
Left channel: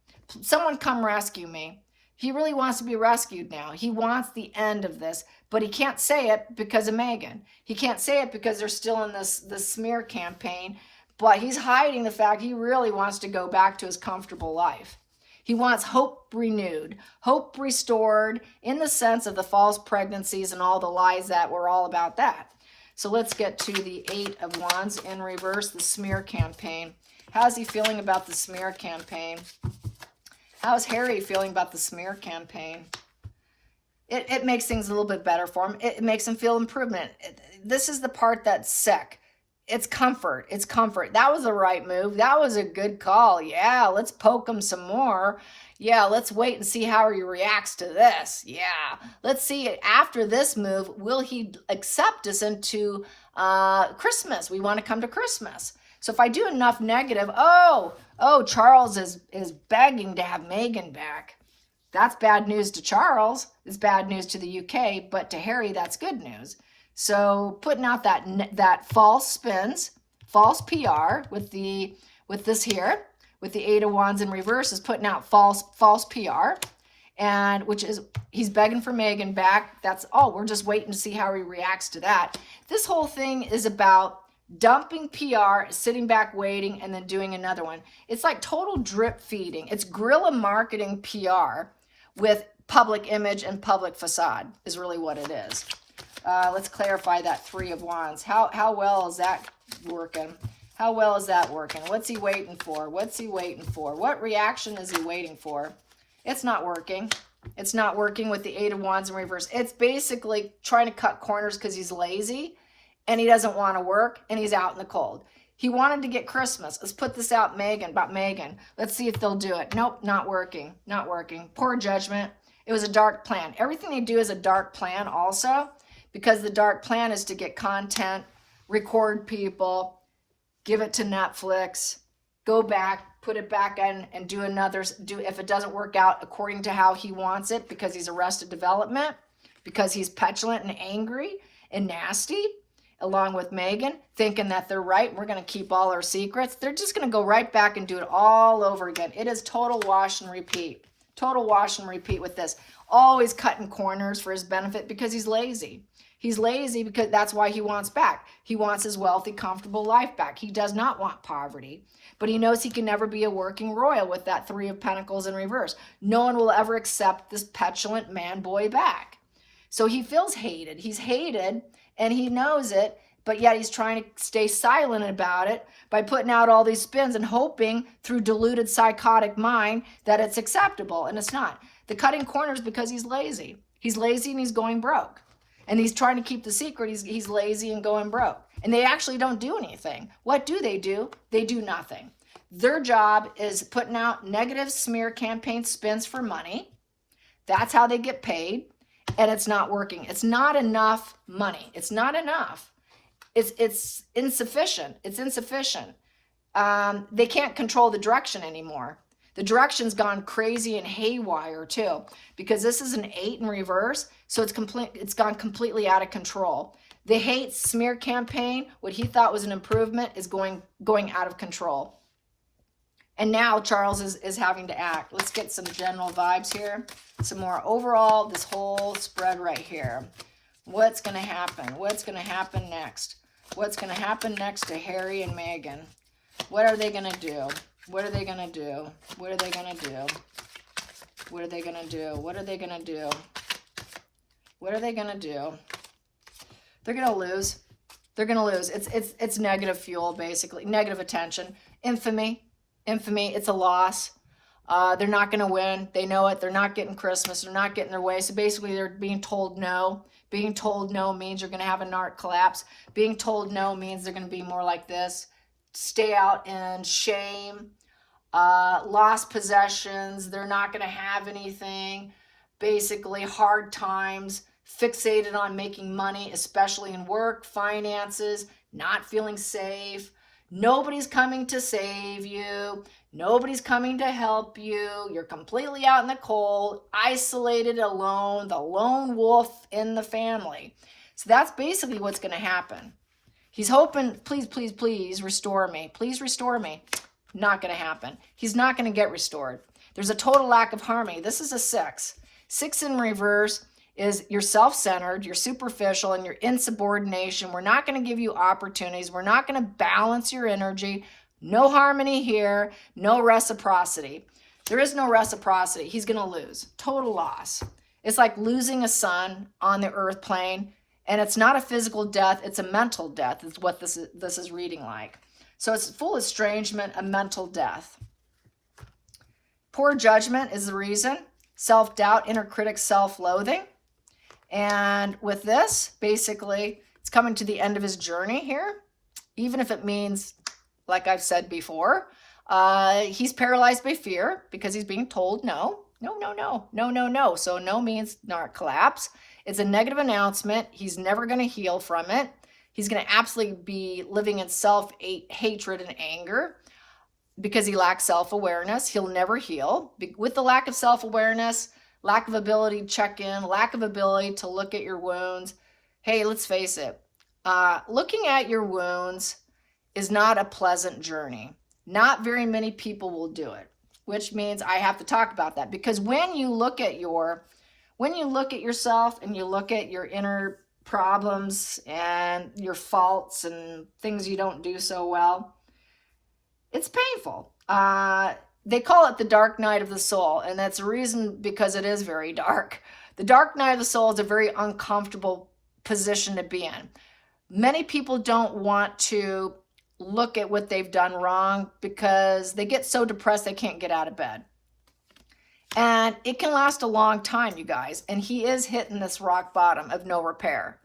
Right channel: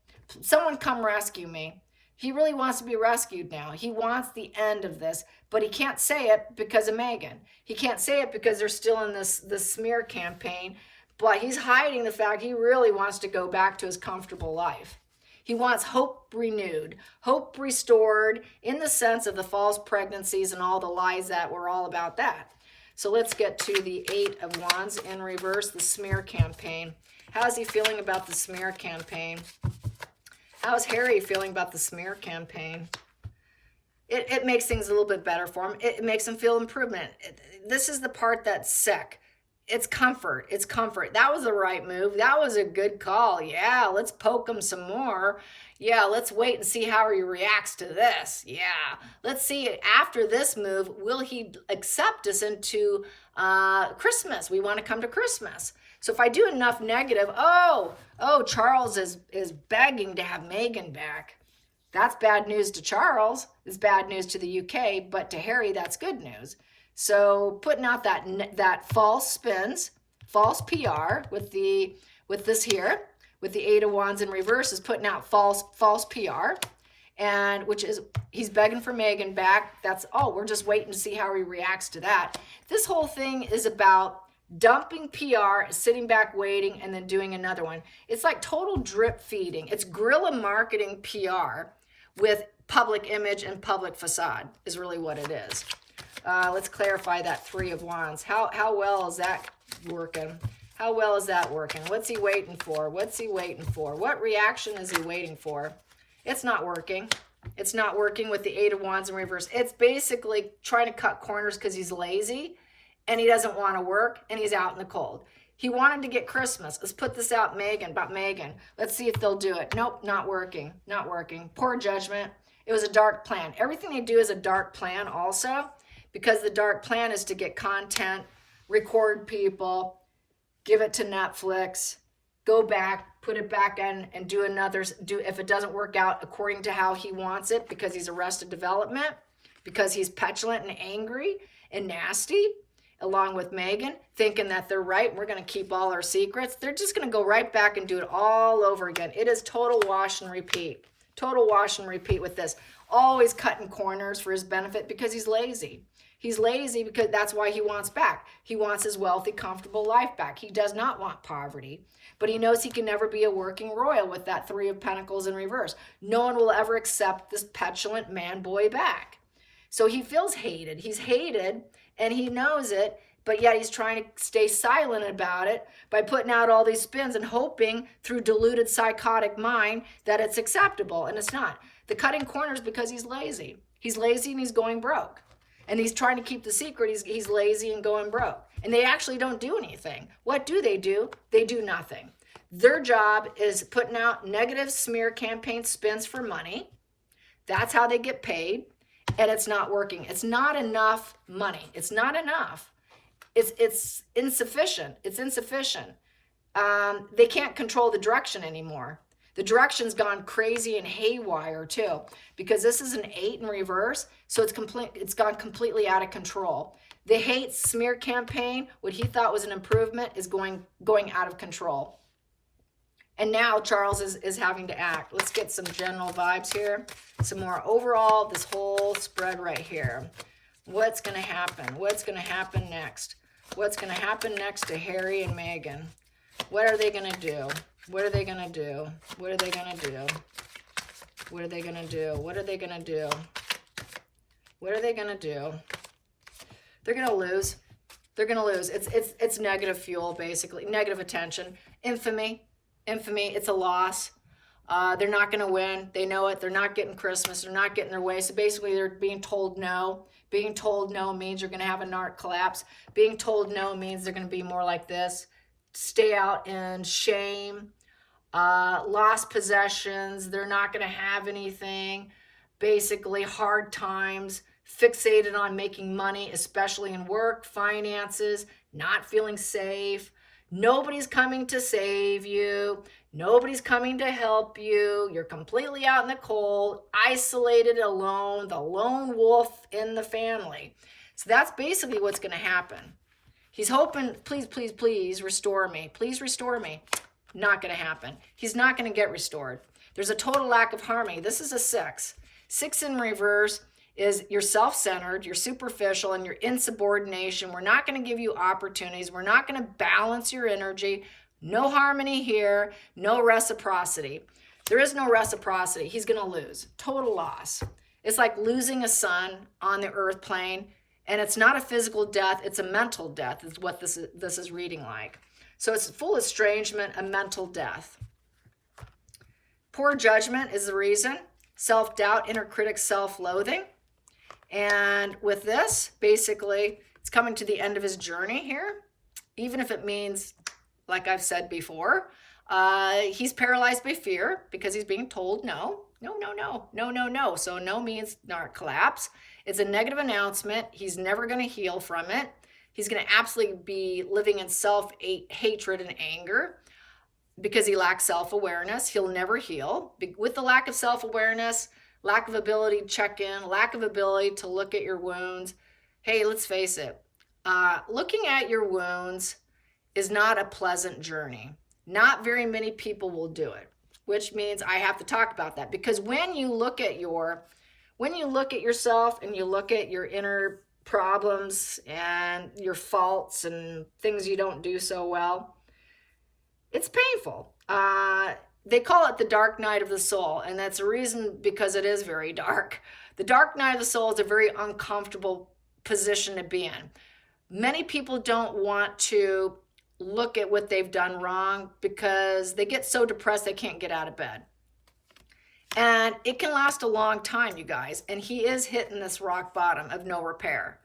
Someone come rescue me. He really wants to be rescued now. He wants the end of this, but he can't say it because of Megan. He can't say it because they're still in this smear campaign, but he's hiding the fact he really wants to go back to his comfortable life. He wants hope renewed, hope restored in the sense of the false pregnancies and all the lies that were all about that. So let's get to the Eight of Wands in reverse, the smear campaign. How's he feeling about the smear campaign? How's Harry feeling about the smear campaign? It makes things a little bit better for him. It makes him feel improvement. This is the part that's sick. It's comfort. It's comfort. That was the right move. That was a good call. Yeah, let's poke him some more. Yeah, let's wait and see how he reacts to this. Yeah, let's see after this move, will he accept us into Christmas? We want to come to Christmas. So if I do enough negative, oh, Charles is begging to have Megan back. That's bad news to Charles. It's bad news to the UK, but to Harry, that's good news. So putting out that false spins, false PR with this here, with the 8 of Wands in reverse, is putting out false PR, and which is, he's begging for Megan back. That's all. We're just waiting to see how he reacts to that. This whole thing is about dumping PR, sitting back waiting, and then doing another one. It's like total drip feeding. It's guerrilla marketing PR with public image and public facade is really what it is. Let's clarify that 3 of Wands. How well is that working? How well is that working? What's he waiting for? What's he waiting for? What reaction is he waiting for? It's not working. It's not working with the 8 of Wands in reverse. It's basically trying to cut corners because he's lazy and he doesn't want to work and he's out in the cold. He wanted to get Christmas. Let's put this out, about Megan. Let's see if they'll do it. Nope, not working. Not working. Poor judgment. It was a dark plan. Everything they do is a dark plan also, because the dark plan is to get content, record people, give it to Netflix, go back, put it back in, and do another, if it doesn't work out according to how he wants it, because he's Arrested Development, because he's petulant and angry and nasty, along with Megan, thinking that they're right, and we're going to keep all our secrets. They're just going to go right back and do it all over again. It is total wash and repeat. Total wash and repeat with this. Always cutting corners for his benefit because he's lazy. He's lazy because that's why he wants back. He wants his wealthy, comfortable life back. He does not want poverty, but he knows he can never be a working royal with that 3 of Pentacles in reverse. No one will ever accept this petulant man boy back. So he feels hated. He's hated and he knows it, but yet he's trying to stay silent about it by putting out all these spins and hoping through deluded psychotic mind that it's acceptable, and it's not. The cutting corners because he's lazy. He's lazy and he's going broke. And he's trying to keep the secret. He's lazy and going broke. And they actually don't do anything. What do? They do nothing. Their job is putting out negative smear campaign spins for money. That's how they get paid. And it's not working. It's not enough money. It's not enough. It's insufficient. It's insufficient. They can't control the direction anymore. The direction's gone crazy and haywire too, because this is an 8 in reverse, so it's gone completely out of control. The hate smear campaign, what he thought was an improvement, is going out of control. And now Charles is having to act. Let's get some general vibes here. Some more overall, this whole spread right here. What's going to happen? What's going to happen next? What's going to happen next to Harry and Meghan? What are they going to do? What are they going to do? What are they going to do? What are they going to do? What are they going to do? What are they going to do? They're going to lose. They're going to lose. It's negative fuel, basically. Negative attention. Infamy. Infamy. It's a loss. They're not going to win. They know it. They're not getting Christmas. They're not getting their way. So basically, they're being told no. Being told no means you're going to have a narc collapse. Being told no means they're going to be more like this. Stay out in shame. Lost possessions. They're not going to have anything. Basically, hard times. Fixated on making money, especially in work, finances, not feeling safe. Nobody's coming to save you. Nobody's coming to help you. You're completely out in the cold, isolated, alone, the lone wolf in the family. So that's basically what's going to happen. He's hoping, please, please, please restore me. Please restore me. Not going to happen. He's not going to get restored. There's a total lack of harmony. This is a 6. 6 in reverse is you're self-centered, you're superficial, and you're insubordination. We're not going to give you opportunities. We're not going to balance your energy. No harmony here. No reciprocity. There is no reciprocity. He's going to lose. Total loss. It's like losing a son on the earth plane, and it's not a physical death. It's a mental death is what this is reading like. So it's full estrangement, a mental death. Poor judgment is the reason. Self-doubt, inner critic, self-loathing. And with this, basically, it's coming to the end of his journey here. Even if it means, like I've said before, he's paralyzed by fear because he's being told no. No, no, no, no, no, no. So no means not collapse. It's a negative announcement. He's never going to heal from it. He's going to absolutely be living in self-hatred and anger because he lacks self-awareness. He'll never heal. With the lack of self-awareness, lack of ability to check in, lack of ability to look at your wounds, Hey, let's face it. Looking at your wounds is not a pleasant journey. Not very many people will do it, which means I have to talk about that, because when you look at yourself and you look at your inner problems and your faults and things you don't do so well, it's painful. They call it the dark night of the soul, and that's a reason, because it is very dark. The dark night of the soul is a very uncomfortable position to be in. Many people don't want to look at what they've done wrong because they get so depressed they can't get out of bed. And it can last a long time, you guys. And he is hitting this rock bottom of no repair.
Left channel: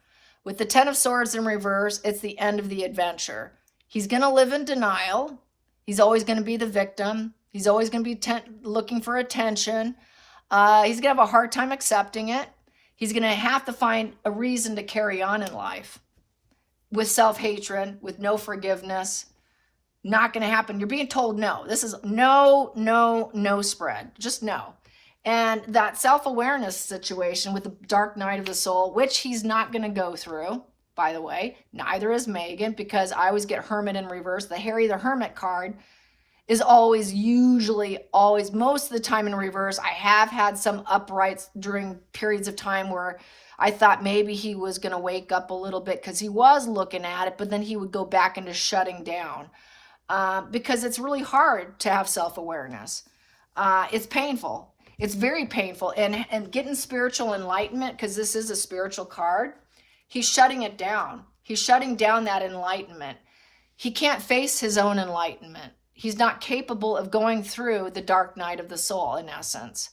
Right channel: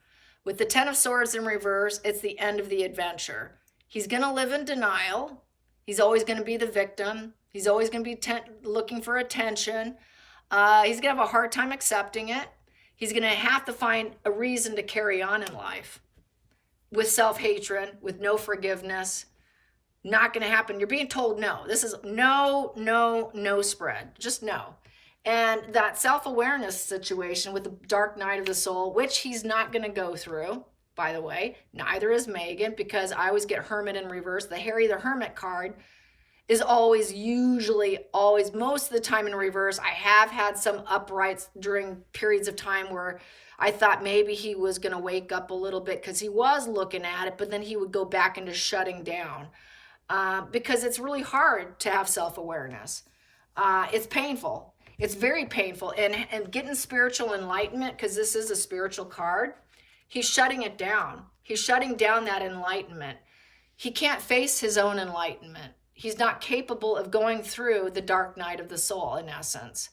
With the Ten of Swords in reverse, it's the end of the adventure. He's going to live in denial. He's always going to be the victim. He's always going to be looking for attention. He's going to have a hard time accepting it. He's going to have to find a reason to carry on in life with self-hatred, with no forgiveness. Not going to happen. You're being told no. This is no spread. Just no. And that self-awareness situation with the dark night of the soul, which he's not going to go through, by the way. Neither is Megan, because I always get Hermit in reverse. The Harry the Hermit card is always, most of the time in reverse. I have had some uprights during periods of time where I thought maybe he was going to wake up a little bit because he was looking at it, but then he would go back into shutting down. Because it's really hard to have self-awareness. It's painful. It's very painful. And getting spiritual enlightenment, because this is a spiritual card, he's shutting it down. He's shutting down that enlightenment. He can't face his own enlightenment. He's not capable of going through the dark night of the soul, in essence.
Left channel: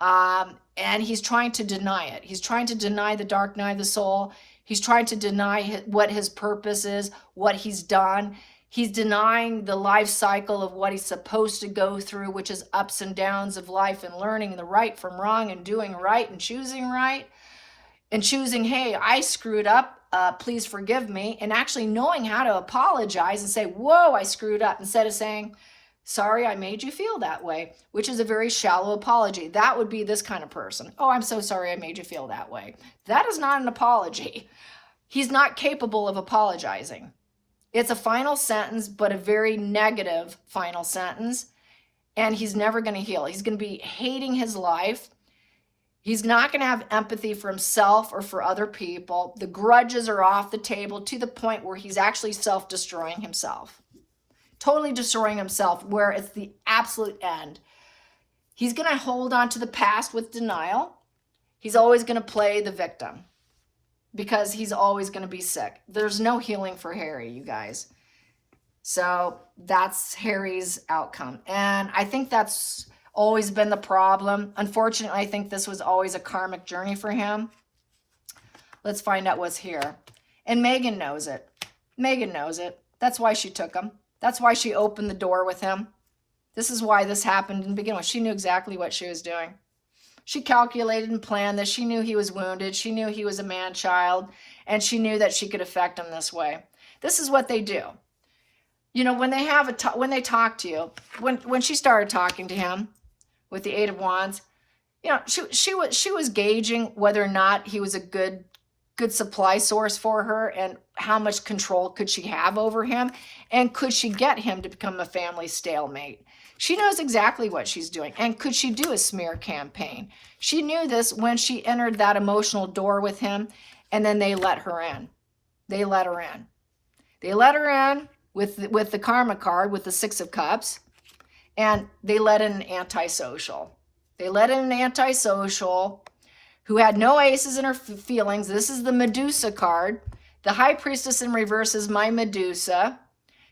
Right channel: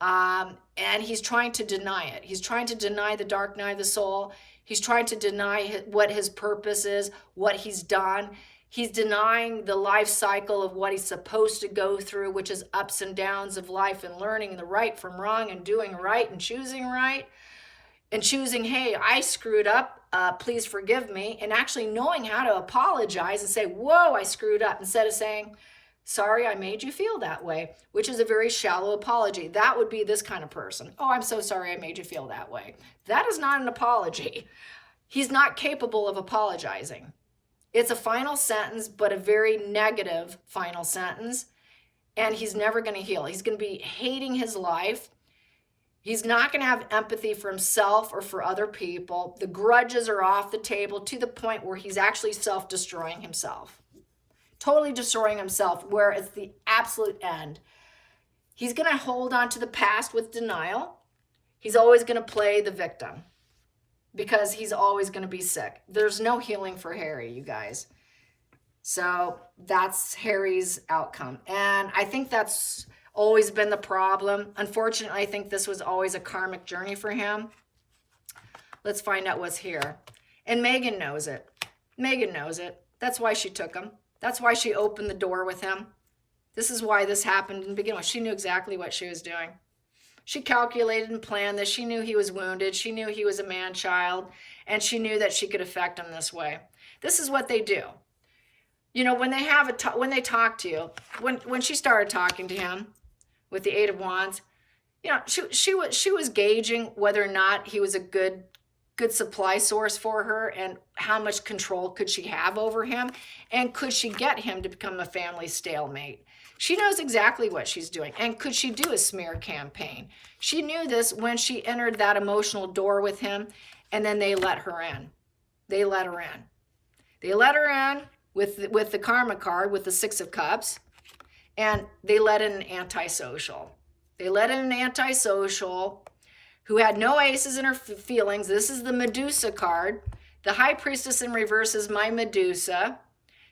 And he's trying to deny it. He's trying to deny the dark night of the soul. He's trying to deny what his purpose is, what he's done. He's denying the life cycle of what he's supposed to go through, which is ups and downs of life and learning the right from wrong and doing right and choosing right and choosing, hey, I screwed up, please forgive me, and actually knowing how to apologize and say, whoa, I screwed up, instead of saying, sorry, I made you feel that way, which is a very shallow apology. That would be this kind of person. Oh, I'm so sorry I made you feel that way. That is not an apology. He's not capable of apologizing. It's a final sentence, but a very negative final sentence. And he's never going to heal. He's going to be hating his life. He's not going to have empathy for himself or for other people. The grudges are off the table to the point where he's actually self-destroying himself. Totally destroying himself, where it's the absolute end. He's going to hold on to the past with denial. He's always going to play the victim, because he's always going to be sick. There's no healing for Harry, you guys. So that's Harry's outcome. And I think that's always been the problem. Unfortunately, I think this was always a karmic journey for him. Let's find out what's here. And Megan knows it. Megan knows it. That's why she took him. That's why she opened the door with him. This is why this happened in the beginning. She knew exactly what she was doing. She calculated and planned this. She knew he was wounded. She knew he was a man-child, and she knew that she could affect him this way. This is what they do. You know, when they talk to you, when she started talking to him with the Eight of Wands, you know, she was gauging whether or not he was a good supply source for her, and how much control could she have over him, and could she get him to become a family stalemate. She knows exactly what she's doing. And could she do a smear campaign? She knew this when she entered that emotional door with him, and then they let her in. They let her in. They let her in with the karma card, with the Six of Cups, and they let in an antisocial. They let in an antisocial who had no aces in her feelings. This is the Medusa card. The High Priestess in reverse is my Medusa.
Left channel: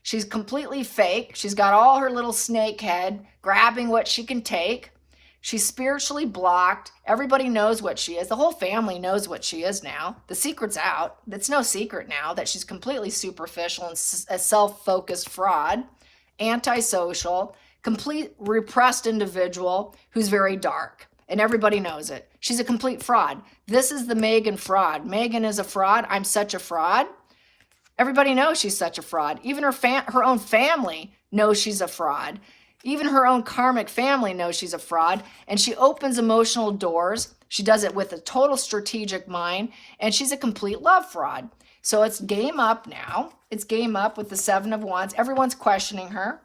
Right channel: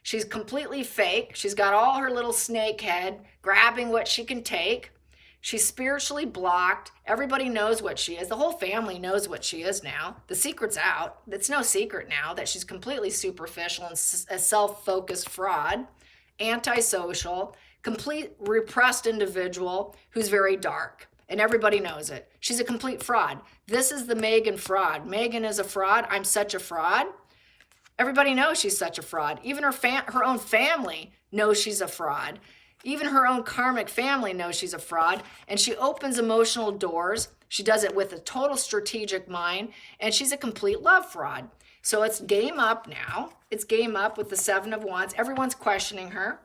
She's completely fake. She's got all her little snake head grabbing what she can take. She's spiritually blocked. Everybody knows what she is. The whole family knows what she is now. The secret's out. It's no secret now that she's completely superficial and a self-focused fraud, antisocial, complete repressed individual who's very dark. And everybody knows it. She's a complete fraud. This is the Megan fraud. Megan is a fraud. I'm such a fraud. Everybody knows she's such a fraud. Even her own family knows she's a fraud. Even her own karmic family knows she's a fraud, and she opens emotional doors. She does it with a total strategic mind, and she's a complete love fraud. So it's game up now. It's game up with the Seven of Wands. Everyone's questioning her.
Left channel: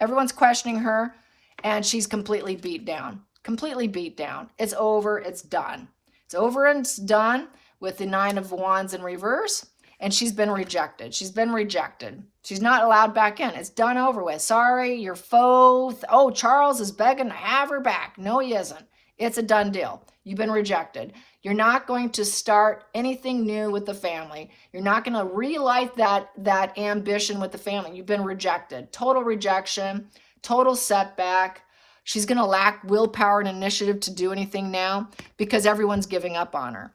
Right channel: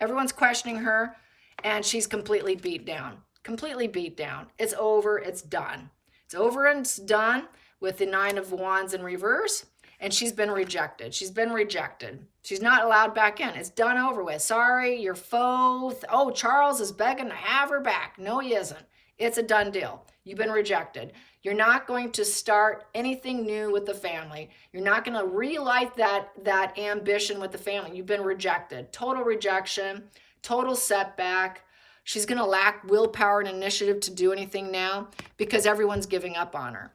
Everyone's questioning her, and she's completely beat down. Completely beat down. It's over. It's done. It's over and it's done with the Nine of Wands in reverse, and she's been rejected. She's been rejected. She's not allowed back in. It's done, over with. Sorry, your foe. Oh, Charles is begging to have her back. No, he isn't. It's a done deal. You've been rejected. You're not going to start anything new with the family. You're not going to relight that ambition with the family. You've been rejected. Total rejection, total setback. She's going to lack willpower and initiative to do anything now because everyone's giving up on her.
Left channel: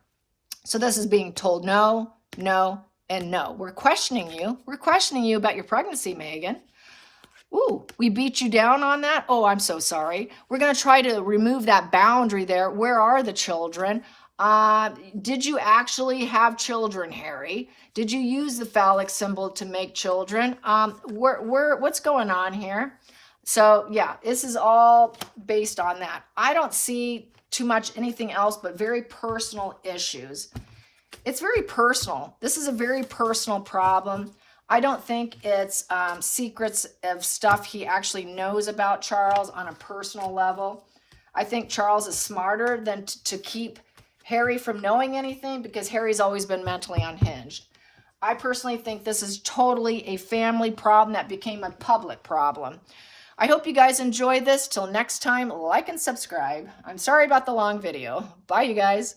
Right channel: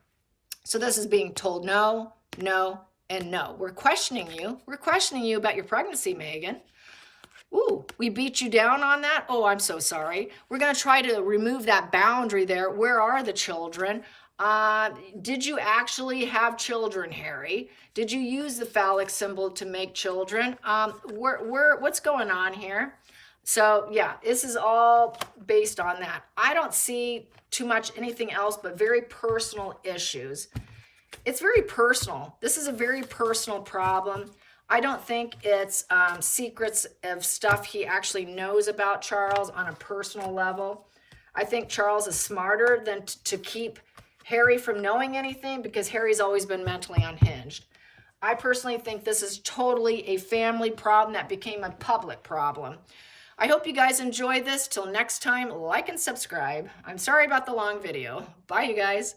So this is being told no, no, and no. We're questioning you. We're questioning you about your pregnancy, Megan. Ooh, we beat you down on that? Oh, I'm so sorry. We're going to try to remove that boundary there. Where are the children? Did you actually have children, Harry? Did you use the phallic symbol to make children? What's going on here? So, yeah, this is all based on that. I don't see too much anything else but very personal issues. It's very personal. This is a very personal problem. I don't think it's secrets of stuff he actually knows about Charles on a personal level. I think Charles is smarter than to keep Harry from knowing anything because Harry's always been mentally unhinged. I personally think this is totally a family problem that became a public problem. I hope you guys enjoy this. Till next time, like and subscribe. I'm sorry about the long video. Bye, you guys.